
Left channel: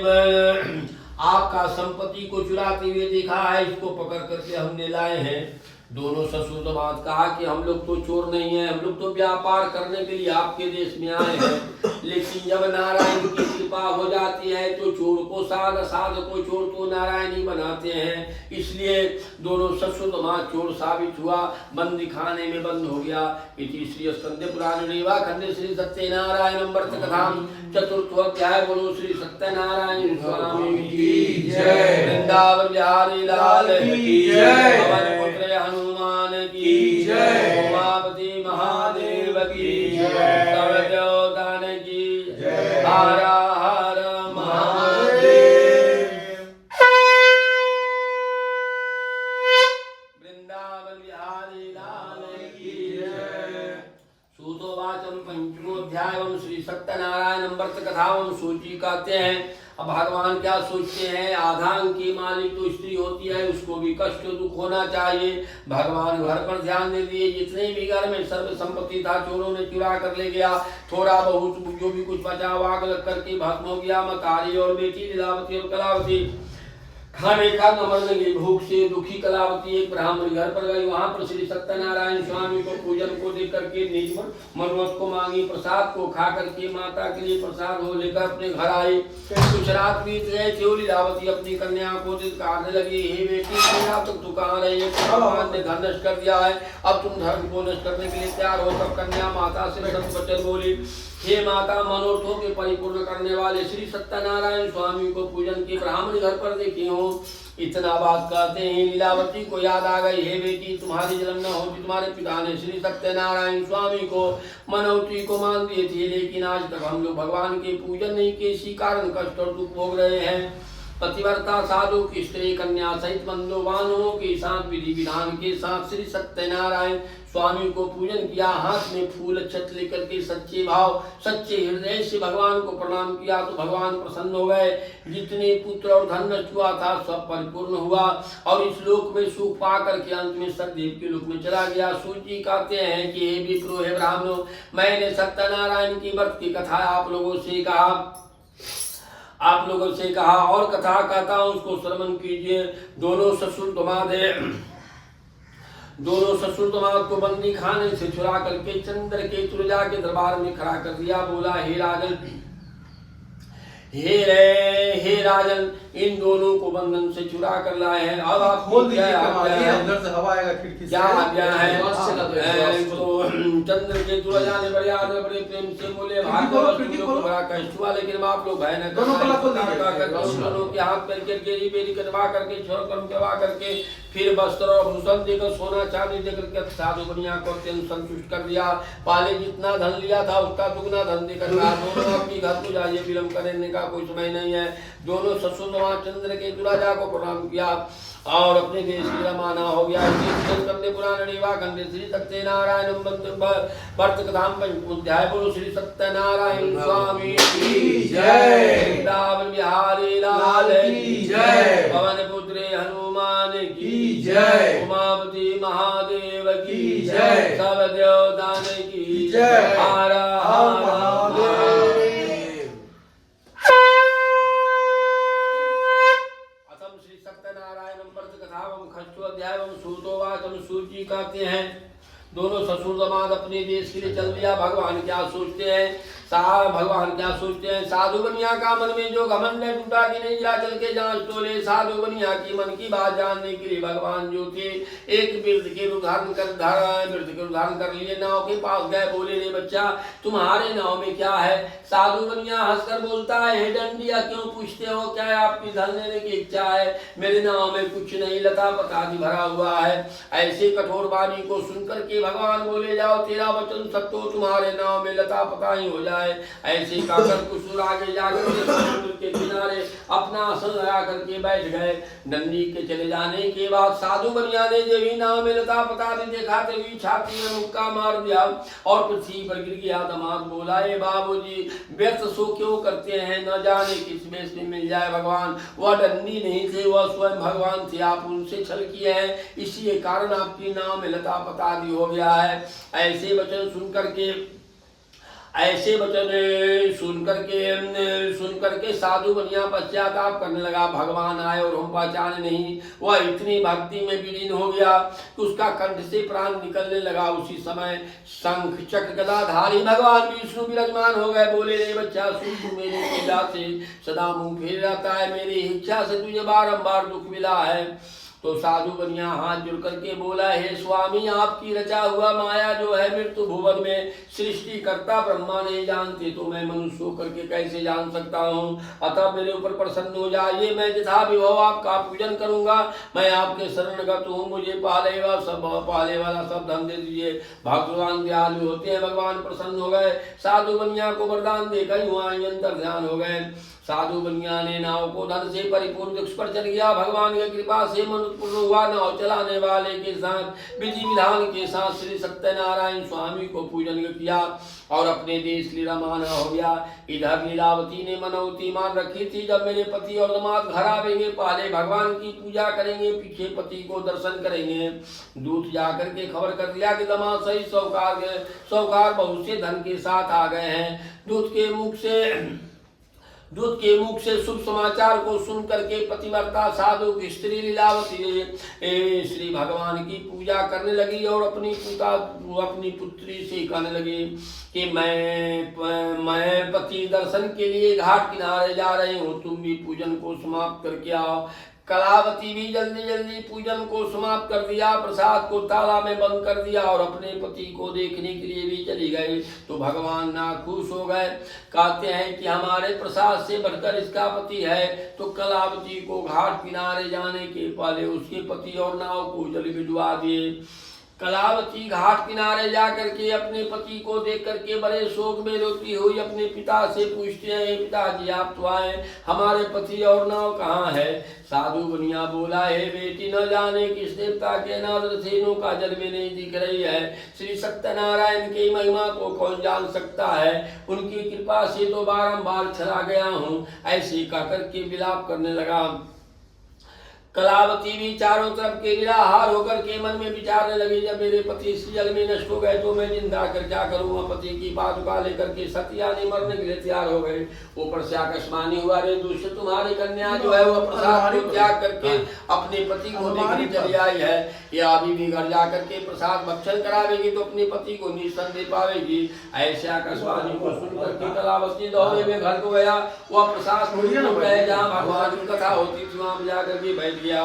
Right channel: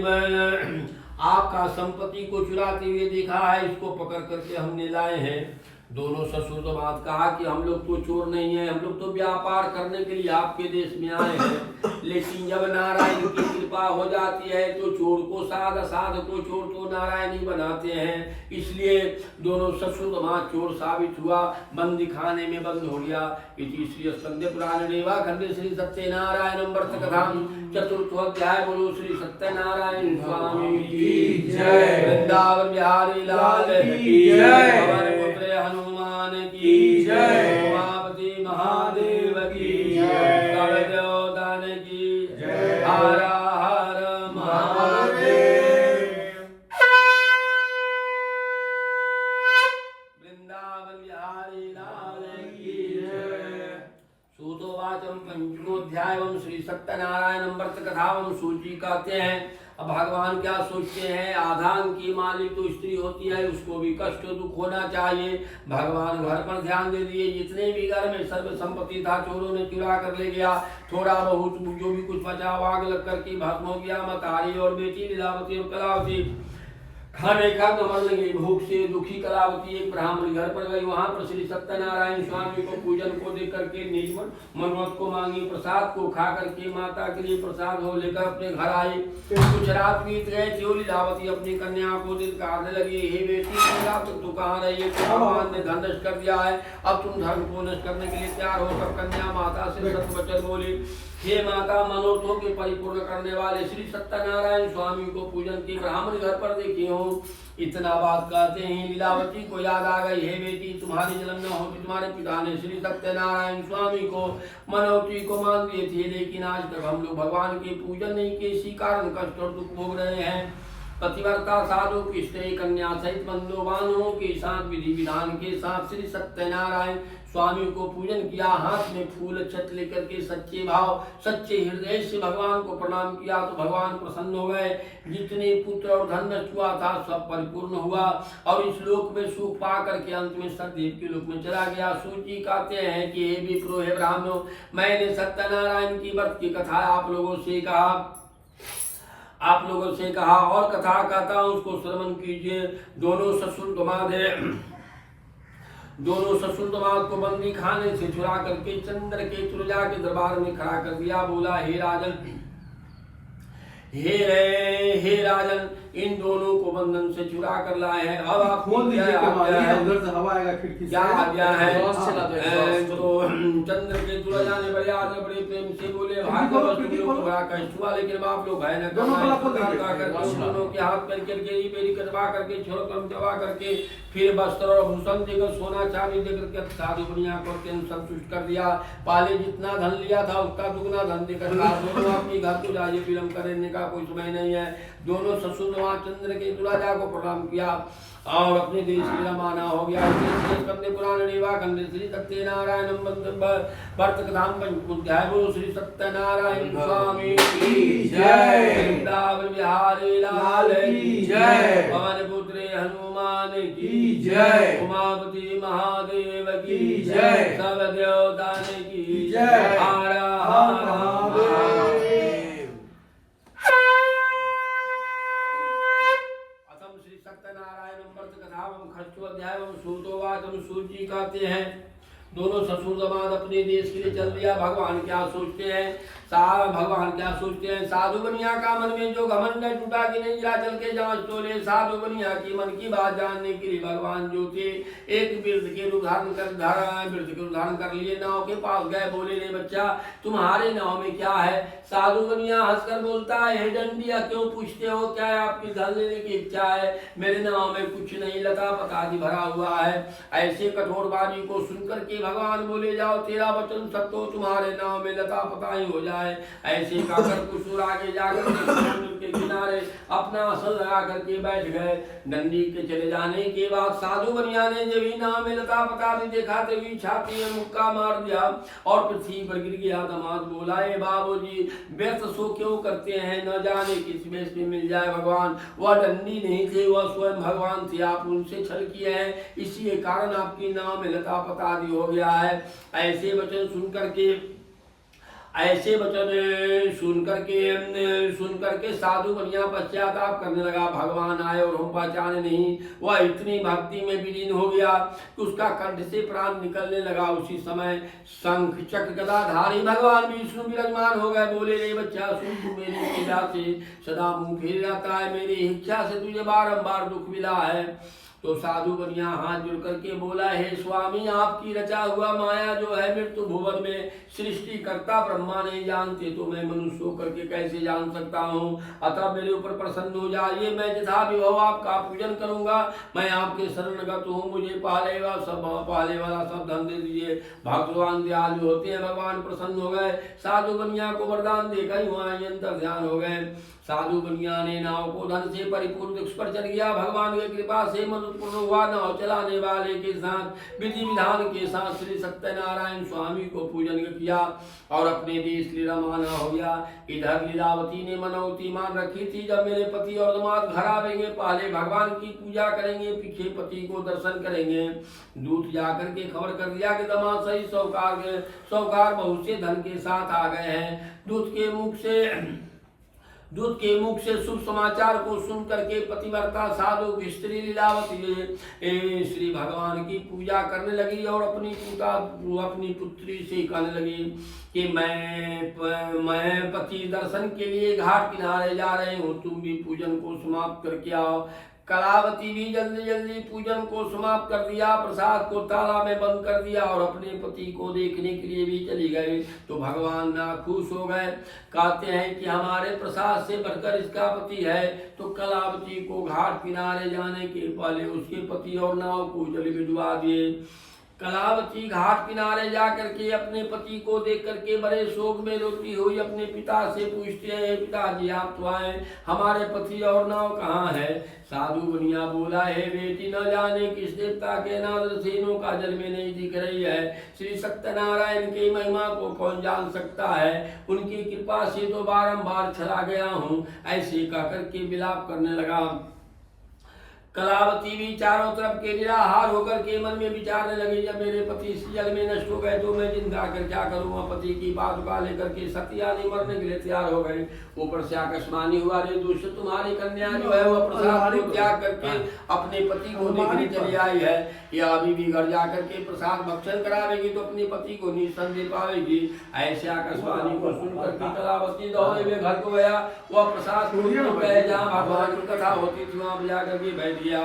आपका संपत्ति को चुराते हुए देखा है, इसको पकड़ करके हमने लाए हैं। दोनों ससुर दामाद कहा कि हम लोग तो चोर नहीं है, हम लोग तो व्यापार करने के लिए आपके देश में आए हैं। लेकिन जब नारायण की कृपा हो जाती है तो चोर को साध, साध को चोर तो नारायण ही बनाते हैं। इसलिए दोनों ससुर दामाद चोर साबित हुआ, बंदी खाने में बंद हो गया। इति श्री स्कंदे पुराण रेवा खंडे श्री सत्यनारायण व्रत कथा चतुर्थ अध्याय। बोलो श्री सत्यनारायण स्वामी की जय। वृंदावन बिहारी लाल की जय। हनुमान की जय। उमापति महादेव की जय। सर्वदेवतान की जय। हर हर महादेव। वृंदावन बिहारी लाल की जय। सूतोवाचम पंचमोध्यायम श्री सत्यनारायण व्रत कथावम सूची कहते हैं। अब भगवान क्या सोचते हैं? आधान की मालिक तो स्त्री होती है, उसको भी कष्ट दुख होना चाहिए। भगवान घर पर ध्यान दे दिए। जितने भी घर में सर्व संपत्ति था चोरों ने चुरा कर ले गया। थोड़ा बहुत जो भी कुछ बचा आग लग करके भस्म हो गया। मतारी और बेटी लीलावती और कलावती खाने का नमन लगी। भूख से दुखी कलावती एक ब्राह्मण घर पर गई। वहां पर श्री सत्यनारायण स्वामी को पूजन को देख करके निज मनुमत को मांगी। प्रसाद को खा करके माता के लिए प्रसाद हो लेकर अपने घर आई। कुछ रात बीत गए थे। लीलावती अपनी कन्या को दिखाने लगी, हे बेटी, तक तू कहाँ रही है? भगवान ने धन नष्ट कर दिया है, अब तुम धर्म को नष्ट करने के लिए तैयार हो। तब कन्या माता से वचन बोली, हे माता, मनोरथों के परिपूर्ण करने वाले श्री सत्यनारायण स्वामी को पूजन के ब्राह्मण घर पर देखी हूँ। इतना बात कहते हैं लीलावती को याद आ गई, हे बेटी, तुम्हारी जन्म न होती तुम्हारे पिता ने श्री सत्यनारायण स्वामी को मनौती को मान दिए थे, लेकिन आज तक हम लोग भगवान के पूजन नहीं के, इसी कारण कष्ट और दुख भोग रहे हैं। पतिव्रता साधु की स्त्री कन्या सहित बंधुवानों के साथ विधि विधान के साथ श्री सत्यनारायण स्वामी को पूजन किया। हाथ में फूल अक्षत लेकर के सच्चे भाव सच्चे हृदय से भगवान को प्रणाम किया तो भगवान प्रसन्न हो गए। जितने पुत्र और धन नष्ट हुआ था सब परिपूर्ण हुआ और इस लोक में सुख पा करके अंत में सतदेव के लोक में चला गया। सूची कहते हैं कि हे विप्रो, हे ब्राह्मणों, मैंने सत्यनारायण की व्रत की कथा आप लोगों से कहा और कथा कहता हूं, उसको श्रवण कीजिए। दोनों ससुर दामाद को बंदी खाने से चुरा करके चंद्रकेतु राजा के दरबार में खड़ा कर दिया। बोला, हे राजन, इन दोनों को बंधन से चुरा कर लाए हैं। अब आप खोल दीजिए क्या केवाड़ी, आज्ञा है? उधर से हवा आएगा खिड़की से। क्या आज्ञा है? एग्जॉस्ट तो चंद्र के तुलजा ने बड़े आदर बड़े प्रेम से बोले भागवत तुम लोग को बड़ा कष्ट हुआ, लेकिन आप लोग है न दोनों तला खोल दीजिए। दोनों के हाथ पैर करके ये बेरी कटवा करके छोड़ कर्म करवा करके फिर वस्त्र और भूषण देकर सोना चांदी देकर के साधु बनिया को अत्यंत संतुष्ट कर दिया। पहले जितना धन लिया था उसका दुगना धन देकर कहा दोनों अपनी घर को जाइए, विलम्ब करने का कोई समय नहीं है। दोनों ससुर वहां चंद्र के तुलाजा को प्रणाम किया और अपने देश की रवाना हो गया। कंदे पुराण रेवा कंदे श्री सत्यनारायण वर्त कथाम पंचाध्याय बोलो श्री सत्यनारायण स्वामी की जय, वृंदावन बिहारी लाल की जय, पवन पुत्रे हनुमान की जय, उमापति महादेव की जय, सब देवतान की जय। हर हर महादेव। श्री सत्यनारायण व्रत कथावम खष्टो अध्यायम सूतोवाचम सूची कहते हैं। दोनों ससुर दामाद अपने देश के लिए चल दिया। भगवान क्या सोचते हैं? भगवान क्या सोचते हैं? साधु बनिया का मन में जो घमंड है टूटा कि नहीं, जा चल के जांच तो ले। साधु बनिया की मन की बात जानने के लिए भगवान जो थे एक वृद्ध के रूप धारण कर लिए नाव के पास गए। बोले रे बच्चा तुम्हारे नाव में क्या है? साधु बनिया हंसकर बोलता है हे डंडिया क्यों पूछते हो, क्या आपकी धन लेने की इच्छा है? मेरे नाव में कुछ नहीं, लता पतादी भरा हुआ है। ऐसे कठोर वाणी को सुनकर के भगवान बोले जाओ तेरा वचन सब तो तुम्हारे नाव में लता पता ही हो जाए। ऐसे कहकर कुछ आगे जाकर समुद्र के किनारे अपना आसन लगा करके बैठ गए। नंदी के चले जाने के बाद साधु बनिया ने जब ही नाव में लता पता नहीं देखा तभी छाती में मुक्का मार दिया और पृथ्वी पर गिर गया। दामाद बोला ए बाबूजी व्यर्थ सो क्यों करते हैं, न जाने किस में से मिल जाए भगवान। वह डंडी नहीं थे, वह स्वयं भगवान थे, आप उनसे छल किए हैं, इसी कारण आपकी नाव में लता पता दी हो गया है। ऐसे वचन सुन करके साधु बनिया पश्चाताप करने लगा। भगवान आए और हम पहचाने नहीं। वह इतनी भक्ति में विलीन हो गया कि उसका कंठ से प्राण निकलने लगा। उसी समय शंख चक्र गदाधारी भगवान विष्णु विराजमान हो गए। बोले रे बच्चा सुन, तू मेरी पूजा से सदा मुंह फेर रहता है, मेरी इच्छा से तुझे बारंबार दुख मिला है। तो साधु बनिया हाथ जुड़ करके बोला हे स्वामी आपकी रचा हुआ माया जो है मृत्यु भुवन में सृष्टि करता ब्रह्मा नहीं जानते तो मैं मनुष्य होकर के कैसे जान सकता हूँ। अतः मेरे ऊपर प्रसन्न हो जाइए, मैं यथा विभव आपका पूजन करूंगा। मैं आपके शरणगत हूँ, मुझे पहले वाला सब धन दे दीजिए। भगवान दयालु होते हैं। भगवान प्रसन्न हो गए। साधु बनिया को वरदान देकर वहाँ अंतर ध्यान हो गए। साधु बनिया ने नाव को धन से परिपूर्ण दिक्ष पर चल गया। भगवान की कृपा से मनुष्य हुआ। नाव चलाने वाले के साथ विधि विधान के साथ श्री सत्यनारायण स्वामी को पूजन किया और अपने देश लिए रवाना हो गया। इधर लीलावती ने मनौती मान रखी थी जब मेरे पति और दामाद घर आवेंगे पहले भगवान की पूजा करेंगे, पीछे पति को दर्शन करेंगे। दूत जाकर के खबर कर दिया कि दामाद सही सौकार बहुत से धन के साथ आ गए हैं। दूत के मुख से शुभ समाचार को सुन करके पतिव्रता साधु की स्त्री लीलावती श्री भगवान की पूजा करने लगी और अपनी पुत्री से कहने लगी कि मैं पति दर्शन के लिए घाट किनारे जा रही हूँ, तुम भी पूजन को समाप्त करके आओ। कलावती भी जल्दी जल्दी पूजन को समाप्त कर दिया, प्रसाद को ताला में बंद कर दिया और अपने पति को देखने के लिए भी चली गई। तो भगवान नाखुश हो गए। कहते हैं कि हमारे प्रसाद से बढ़कर इसका पति है। तो कलावती को घाट किनारे जाने के पहले उसके पति और नाव को जल भिजवा दिए। कलावती घाट किनारे जाकर के अपने पति को देख करके बड़े शोक में रोती हुई अपने पिता से पूछते हैं पिताजी आप तो आए, हमारे पति और नाव कहाँ है? साधु बनिया बोला है बेटी न जाने किस देवता के अनादर से नौका जल में नहीं दिख रही है। श्री सत्यनारायण की महिमा को कौन जान सकता है, उनकी कृपा से तो बारंबार चला गया हूँ। ऐसे कहकर के विलाप करने लगा। कलावती भी चारों तरफ के निराहार होकर के मन में विचारने लगी जब मेरे पति इस जल में नष्ट हो गए तो मैं जिंदा कर क्या करूँगा। पति की पादुका लेकर के सती आदि मरने के लिए तैयार हो गए। ऊपर से आकाशवाणी हुआ रे दूसरे तुम्हारी कन्या जो है वह प्रसाद को त्याग करके अपने पति को देखने चली आई है। या अभी भी घर जाकर के प्रसाद भक्षण करावेगी तो अपने पति को निसंदेह पावेगी। ऐसे आकाशवाणी को सुनकर के सदावती दौड़े में घर को गया, वह प्रसाद गए जहाँ भगवान की कथा होती थी वहाँ जाकर के बैठ गया।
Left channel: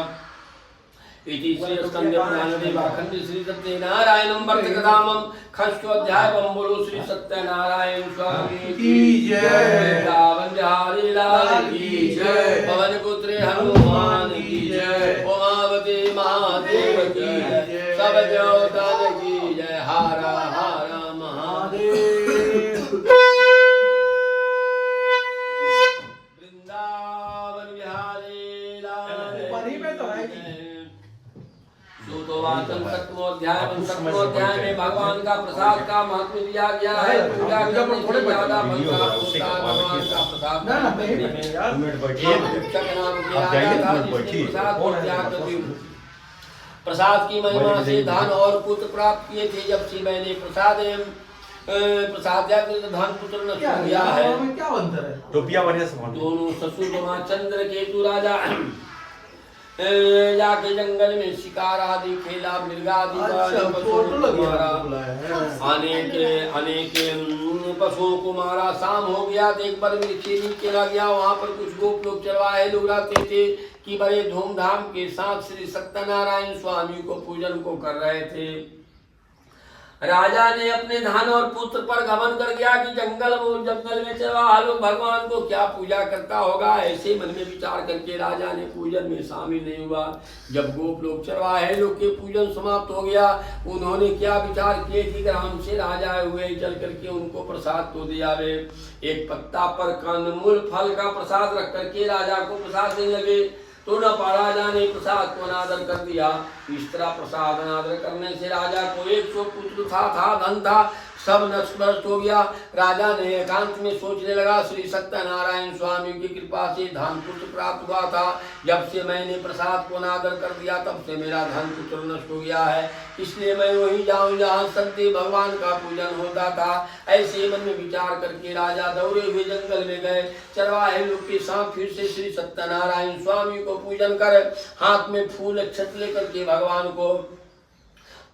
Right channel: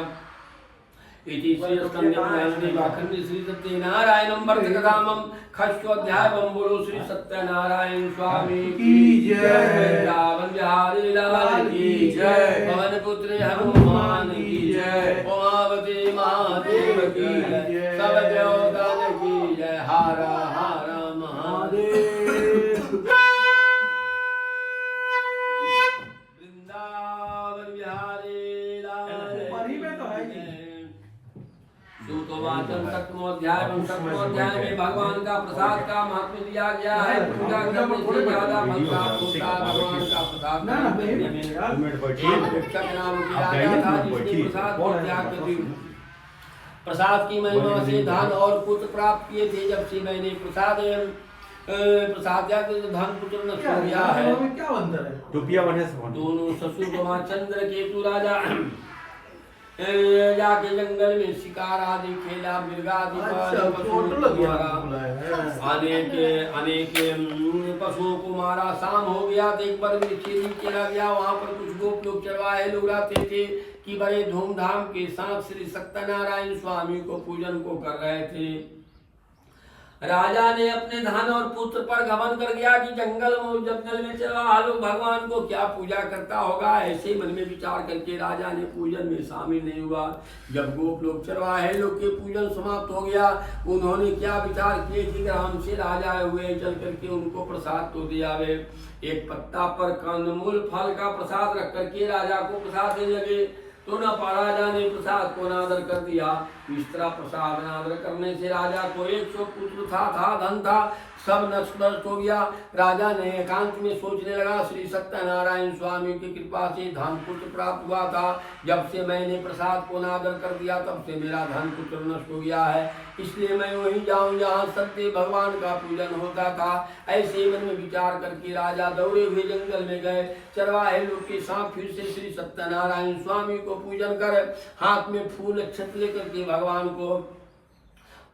इति श्री स्कंदे पुराणे वाखंडे श्री सत्यनारायणं वर्तकधामं षष्ठोऽध्यायं बोलो श्री सत्यनारायण स्वामी की जय। वृंदावन बिहारी लाल की जय। पवन पुत्र हनुमान की जय। उमावती महादेव की जय। सब देवताओं की जय। हर हर महादेव। वृंदावन बिहारी लाल पानी में तो है नहीं। सूतोवाचन सप्तमोध्याय में भगवान का प्रसाद का महत्व दिया गया है। पूजा करने से ज्यादा भगवान का प्रसाद ना, नहीं, नहीं, यार। शिक्षक नाम दिया गया था जिसने प्रसाद को त्याग कर दिया। प्रसाद की महिमा से धन और पुत्र प्राप्त किए थे। जब से मैंने प्रसाद त्याग धन पुत्र नष्ट हो गया है। क्या अंतर है? रुपया बढ़िया से बोल। दोनों ससुर चंद्र केतु राजा जाके जंगल में शिकार आदि खेला, मृगादि अनेक पशुओं को मारा। शाम हो गया तो एक बार वृक्ष के नीचे चला गया। वहाँ पर कुछ गोप लोग चरवाहे लोग रहते थे कि बड़े धूमधाम के साथ श्री सत्यनारायण स्वामी को पूजन को कर रहे थे। राजा ने अपने धन और पुत्र पर घमंड कर गया कि जंगल में चरवाहा लोग भगवान को क्या पूजा करता होगा। ऐसे मन में विचार करके राजा ने पूजन में शामिल नहीं हुआ। जब गोप लोग चरवाहे लोग के पूजन समाप्त हो गया, उन्होंने क्या विचार किए कि ग्राम से राजा हुए चल करके उनको प्रसाद तो दिया वे। एक पत्ता पर कंदमूल फल का प्रसाद रख करके राजा को प्रसाद देने लगे तो न राजा ने प्रसाद को अनादर कर दिया। इस तरह प्रसाद अनादर करने से राजा को 100 पुत्र था धन था, सब नष्ट हो गया। राजा ने एकांत में सोचने लगा, श्री सत्यनारायण स्वामी की कृपा से धन पुत्र प्राप्त हुआ था। जब से मैंने प्रसाद को अनादर कर दिया तब से मेरा धन पुत्र नष्ट हो गया है। इसलिए मैं वहीं जाऊं जहाँ सत्य भगवान का पूजन होता था। ऐसे मन में विचार करके राजा दौड़े हुए जंगल में गए। चरवाहे लोग के साथ फिर से श्री सत्यनारायण स्वामी को पूजन कर हाथ में फूल अक्षत लेकर के भगवान को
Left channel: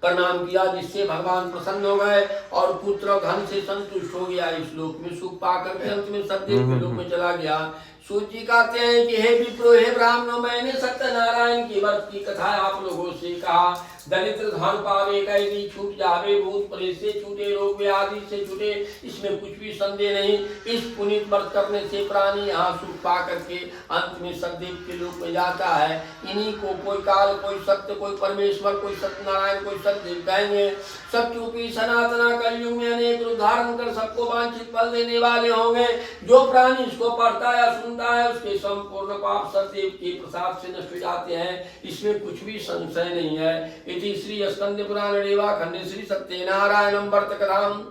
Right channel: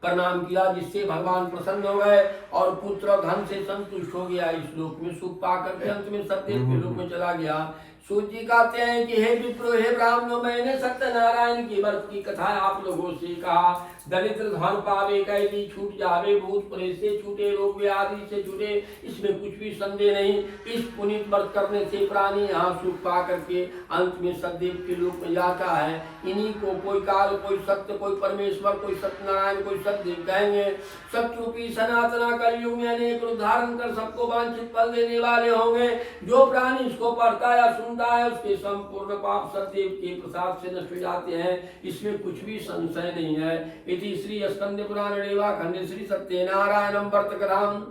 प्रणाम किया, जिससे भगवान प्रसन्न हो गए और पुत्र और धन से संतुष्ट हो गया। इस लोक में सुख पाकर के अंत में सत्यदेव के लोक में चला गया। सूची कहते हैं कि हे विप्रो हे ब्राह्मणों, मैंने सत्यनारायण की व्रत की कथा आप लोगों से कहा। दरिद्र धन पावे कैदी छूट जावे, भूत प्रेत से छूटे, रोग व्याधि से छूटे, इसमें कुछ भी संदेह नहीं। इस पुनीत व्रत करने से प्राणी यहाँ सुख पा करके अंत में सतदेव के लोक में जाता है। इन्हीं को कोई काल, कोई सत्य, कोई परमेश्वर, कोई सत्यनारायण, कोई सतदेव कहेंगे। सत्यरूपी सनातन कलयुग में अनेक रूप धारण कर सबको वांछित फल देने वाले होंगे। जो प्राणी इसको पढ़ता या सुनता है उसके संपूर्ण पाप सतदेव के प्रसाद से नष्ट हो जाते हैं। इसमें कुछ भी संशय नहीं है। इति श्री स्कंद पुराणे वाखंडे श्री सत्यनारायण वर्तकधाम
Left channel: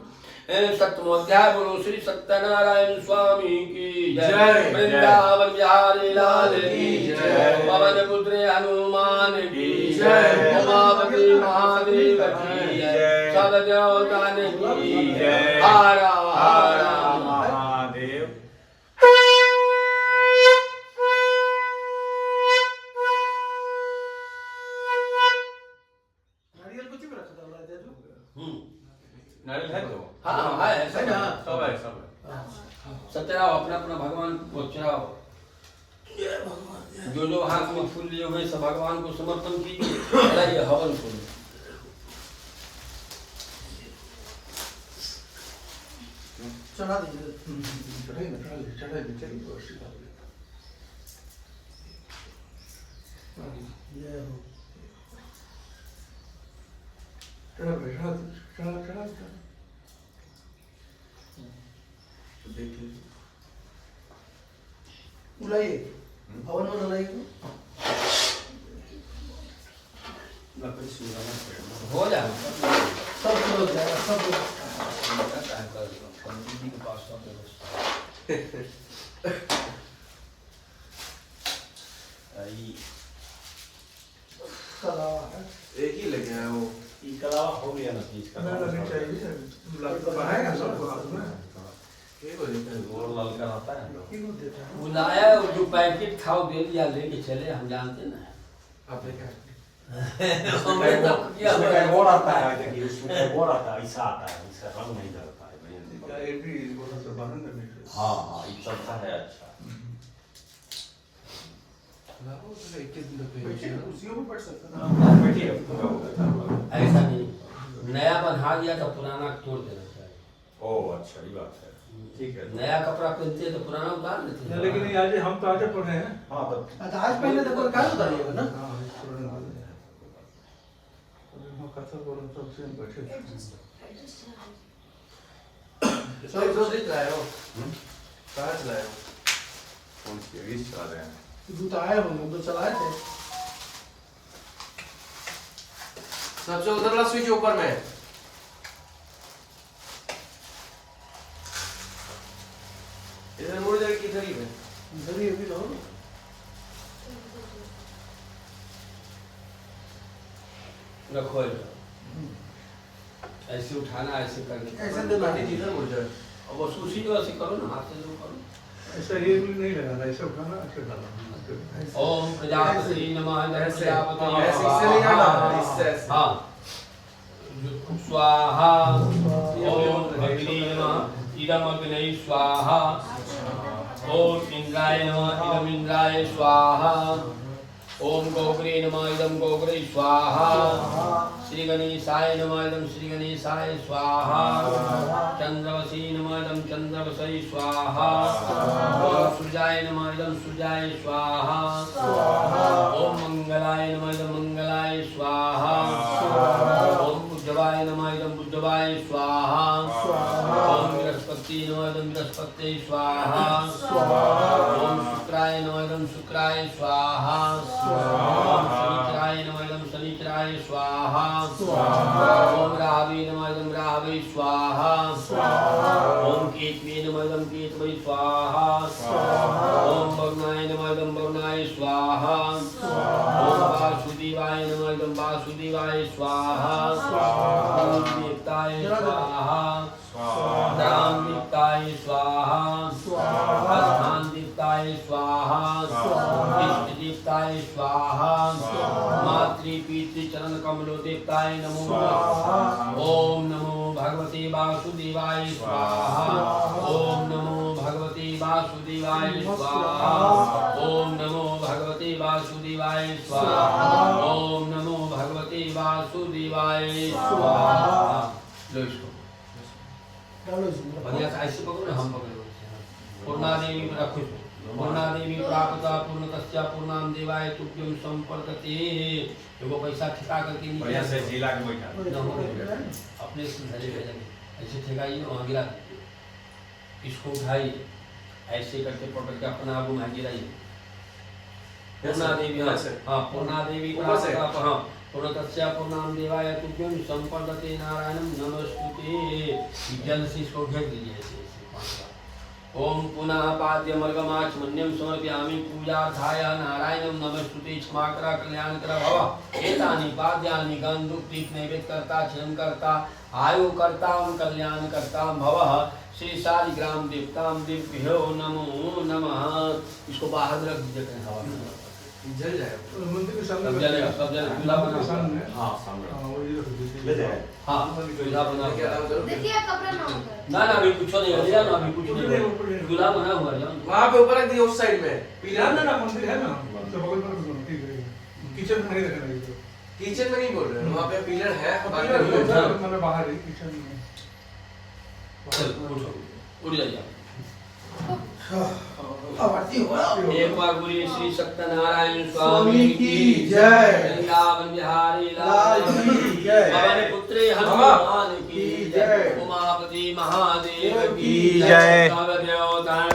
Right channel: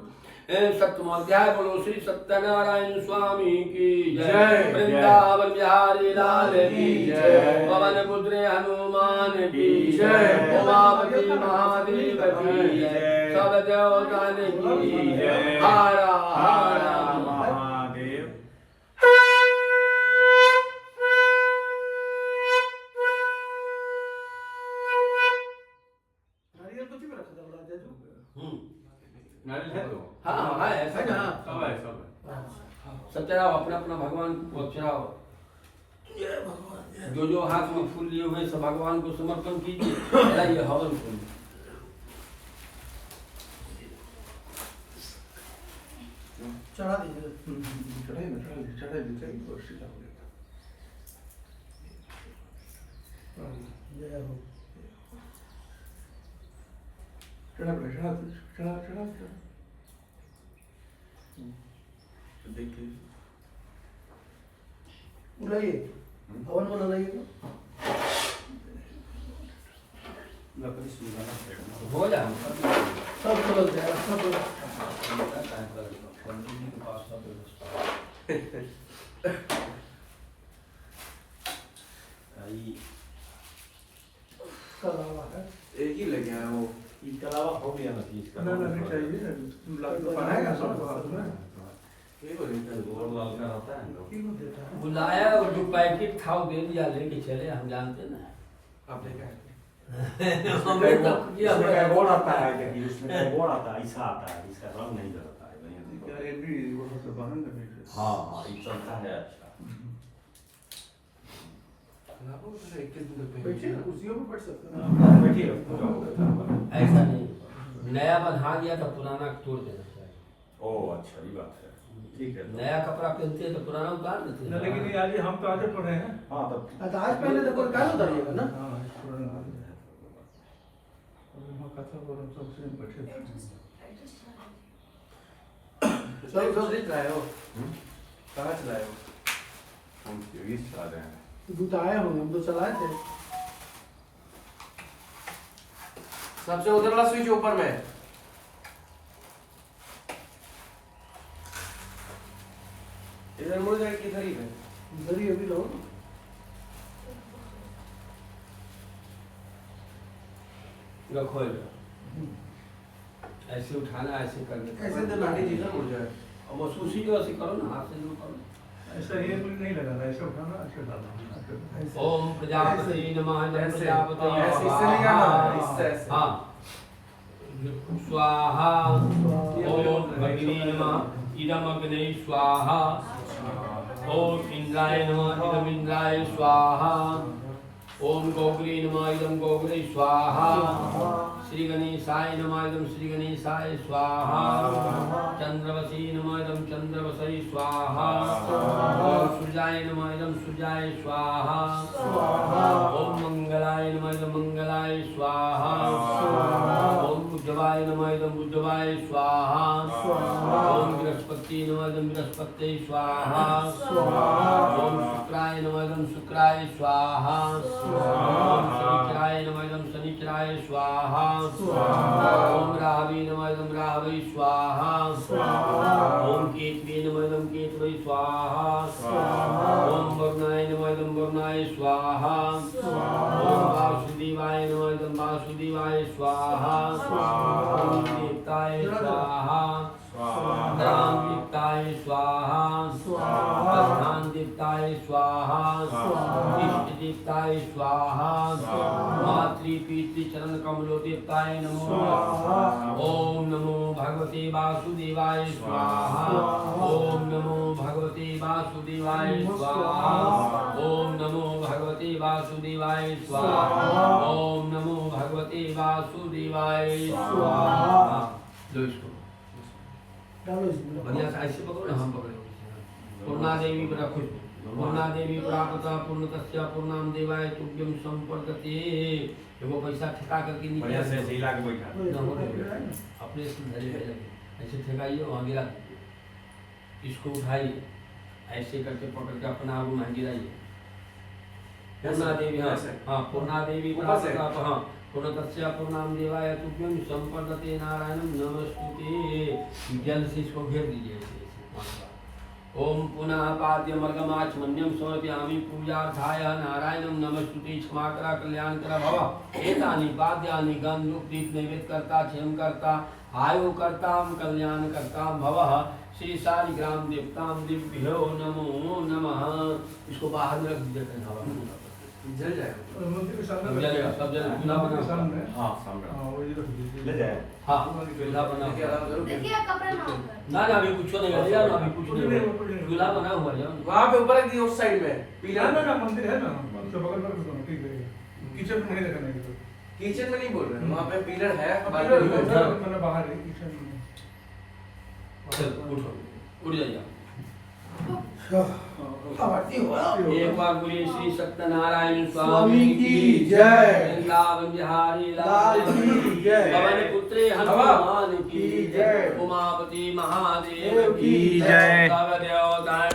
सप्तमोध्याय बोलो श्री सत्यनारायण स्वामी की जय। वृंदावन बिहारी लाल की जय। पवन पुत्र हनुमान की जय। उमावती महादेव की जय। सब देवताओं की जय। हर हर महादेव। नारियल कुछ भी रखा था राजा जो। नारियल है तो? हाँ है है ना? सब है। सब चढ़ाओ अपना अपना भगवान को चढ़ाओ। जो हाथ में फूल लिए हुए सब भगवान को समर्पण कीजिए। चढ़ाइए हवन को। चढ़ा दीजिए। चढ़ाइए जय हो। चढ़ा देखिए बुलाइए हवन में लाइए तो हो जाए सब हो जाएगा सब कलावा है एक ही लगे हैं वो। ये कलावा हो गया ना चीज का। नहीं चाहिए बनाएगा सब बाद में एक हो जाता है वो। और लाल का होता है ना। क्यों देता है बुलाया जो पैकेट खाओ दे दिया लेके चले हम जानते ना। आप देखा हमें तो किया इसमें कैरबोर्ड आता है देखिए, उसमें कैरबोर्ड आता है, ऐसा आता है, इसका रंग नहीं जलता है। या ये भी वो सब बंद करने हाँ हाँ ये चलता है अच्छा। लाओ तो 21 दिन पे बैठिए ना, कुर्सियों पर बैठ सकते हैं। बैठिए पूरा हो गया। ऐसा नहीं, नया बना दिया तो पुराना तोड़ देना चाहिए। ओ अच्छा ये बात है, ठीक है। नया कपड़ा पहनते हैं तो पुराना उतार देते हैं। लेकिन ये आज हम तो आज पढ़े हैं। हाँ तब तो आज पहले तो कोई काल उतारिएगा ना। हाँ, इस पुराने वाले हैं। और कथा बोलो सब सेम बैठे थे। सब रिच लाए हो कहाँ चलाए हो हम सीरीज चला रहे हैं। जूता आए होंगे, हम तो चलाए थे। सबसे उधरला स्विच ऊपर में है। इधर मुड़ जाए किधर ही है जल्दी अभी लो। रखो ऐसा। ऐसे उठाना, ऐसे करने ऐसे तो लाठी जी इधर मुड़ जाए। अब बस उसी जो ऐसे करो ना, हाथ से जो करो। ऐसा ये नहीं लगाना, ऐसे उठाना, ऐसे डालना। ओम प्रजापति नमः, नमः ऐसे। प्रजापति हाँ, ऐसे इससे नहीं डालना, इससे ऐसे। हाँ स्वाहा। ओम अग्नि नमः, इदम अग्नि स्वाहा। ओम इंद्राय नमः, इदम इंद्राय स्वाहा। ओम गोग्रे नमः, इदम गोग्रे स्वाहा। श्री गणेशाय नमः, इदम श्री गणेशाय स्वाहा। चंद्रवसी नमः, इदम चंद्रवसै स्वाहा। ओम सूर्याय नमः, इदम सूर्याय स्वाहा। ओम मंगलाय नमः, इदम मंगलाय स्वाहा। ओम बुद्धवाय नमः, इदम बुद्धवाय स्वाहा। ओम बृहस्पति नमः, इदम बृहस्पति स्वाहा। ओम शुक्राय नमः, इदम शुक्राय स्वाहा। ओम शनिचराय नमः, इदम शनिचराय स्वाहा। ओम राहवे नमः, इदम राहवे स्वाहा। ओम केतवे नमः, इदम केतवे स्वाहा। ओम वरुणाय नमः, इदम वरुणाय स्वाहा। ओम वासुदेवाय नमः, इदम वासुदेवाय स्वाहा। ओम देवताय स्वाहा। राम देवताय स्वाहा। स्थान देवताय स्वाहा। इष्ट देवताय स्वाहा। मातृ पितृ चरण कमलो देवताय नमो नमः। ओम नमो भगवते वासुदेवाय स्वाहा। ओम नमो भगवते वासुदेवाय स्वाहा। ओम नमो भगवते वासुदेवाय स्वाहा। ओम नमो भगवते वासुदेवाय स्वाहा। लो इसको डालो इसमें। बढ़िया से ऐसे पकड़ो, हम पकड़ो। पूर्णा देवी बड़ा खुश। पूर्णा देवी प्राप्ता पूर्णतस्या पूर्णाम देवाय तुभ्यम संपर्कते। एगो पैसा ठेका करके बढ़िया से नीचे झीला के बैठा। अपने से धरी पे लगे, ऐसे ठेकाइए, वहाँ गिरा दीजिए। इसको उठाइए, ऐसे करके पकड़ के अपना आगू वहाँ गिराइए। पूर्णा देवी, हाँ हाँ, पूर्णा देवी प्राप्ता, हाँ पूर्णतस्या पूर्णाम देवाय तुभ्यम संपर्कते नारायणं नमस्ते। जल से इसको घेर दीजिए ऐसे ऐसे 5 बार। ओम पुनः पाद्यमर्गमाचमन्यं समर्पयामि पूजार्थाय नारायणं नमस्ते। क्षमाकरा कल्याणकर भव। एतानि पाद्यानि गन्धुक्तिप नैवेद्यकर्ता क्षयंकर्ता आयुकर्तां कल्याणकर्तां भवः। श्री शालिग्राम देवतां दिव्यो नमो नमः। इसको बाहर रख दीजिए कहीं हवा में। जल जाए मंदिर के सामने सब जलेगा, सब जलेगा। चूल्हा बना हुआ है। सामने। हाँ सामने हाँ, वो ये रख दीजिए। ले जाए। हाँ चूल्हा बना हुआ है। देखिए कपड़ा ना होकर। ना ना अभी कुछ नहीं ले जाओ ना, अभी कुछ नहीं हुआ। चूल्हा बना हुआ है, जाओ। वहाँ पे ऊपर रख दिए उस साइड में ना पीला ना ना, मंदिर है ना, उससे बगल पर रखना, ठीक है। किचन में नहीं रखना है। किचन में नहीं बोल रहे वहाँ पे पिलर है बाकी पिलर नहीं है। है, मैंने बाहर ही किचन में। चल उठो, उठ जाइए। आरती हो रहा। एक बार बोलिए श्री सत्यनारायण स्वामी की जय। वृंदावन बिहारी लाल लाल की जय। पवन पुत्रे हनुमान की जय। उमापति महादेव की जय। सब देवता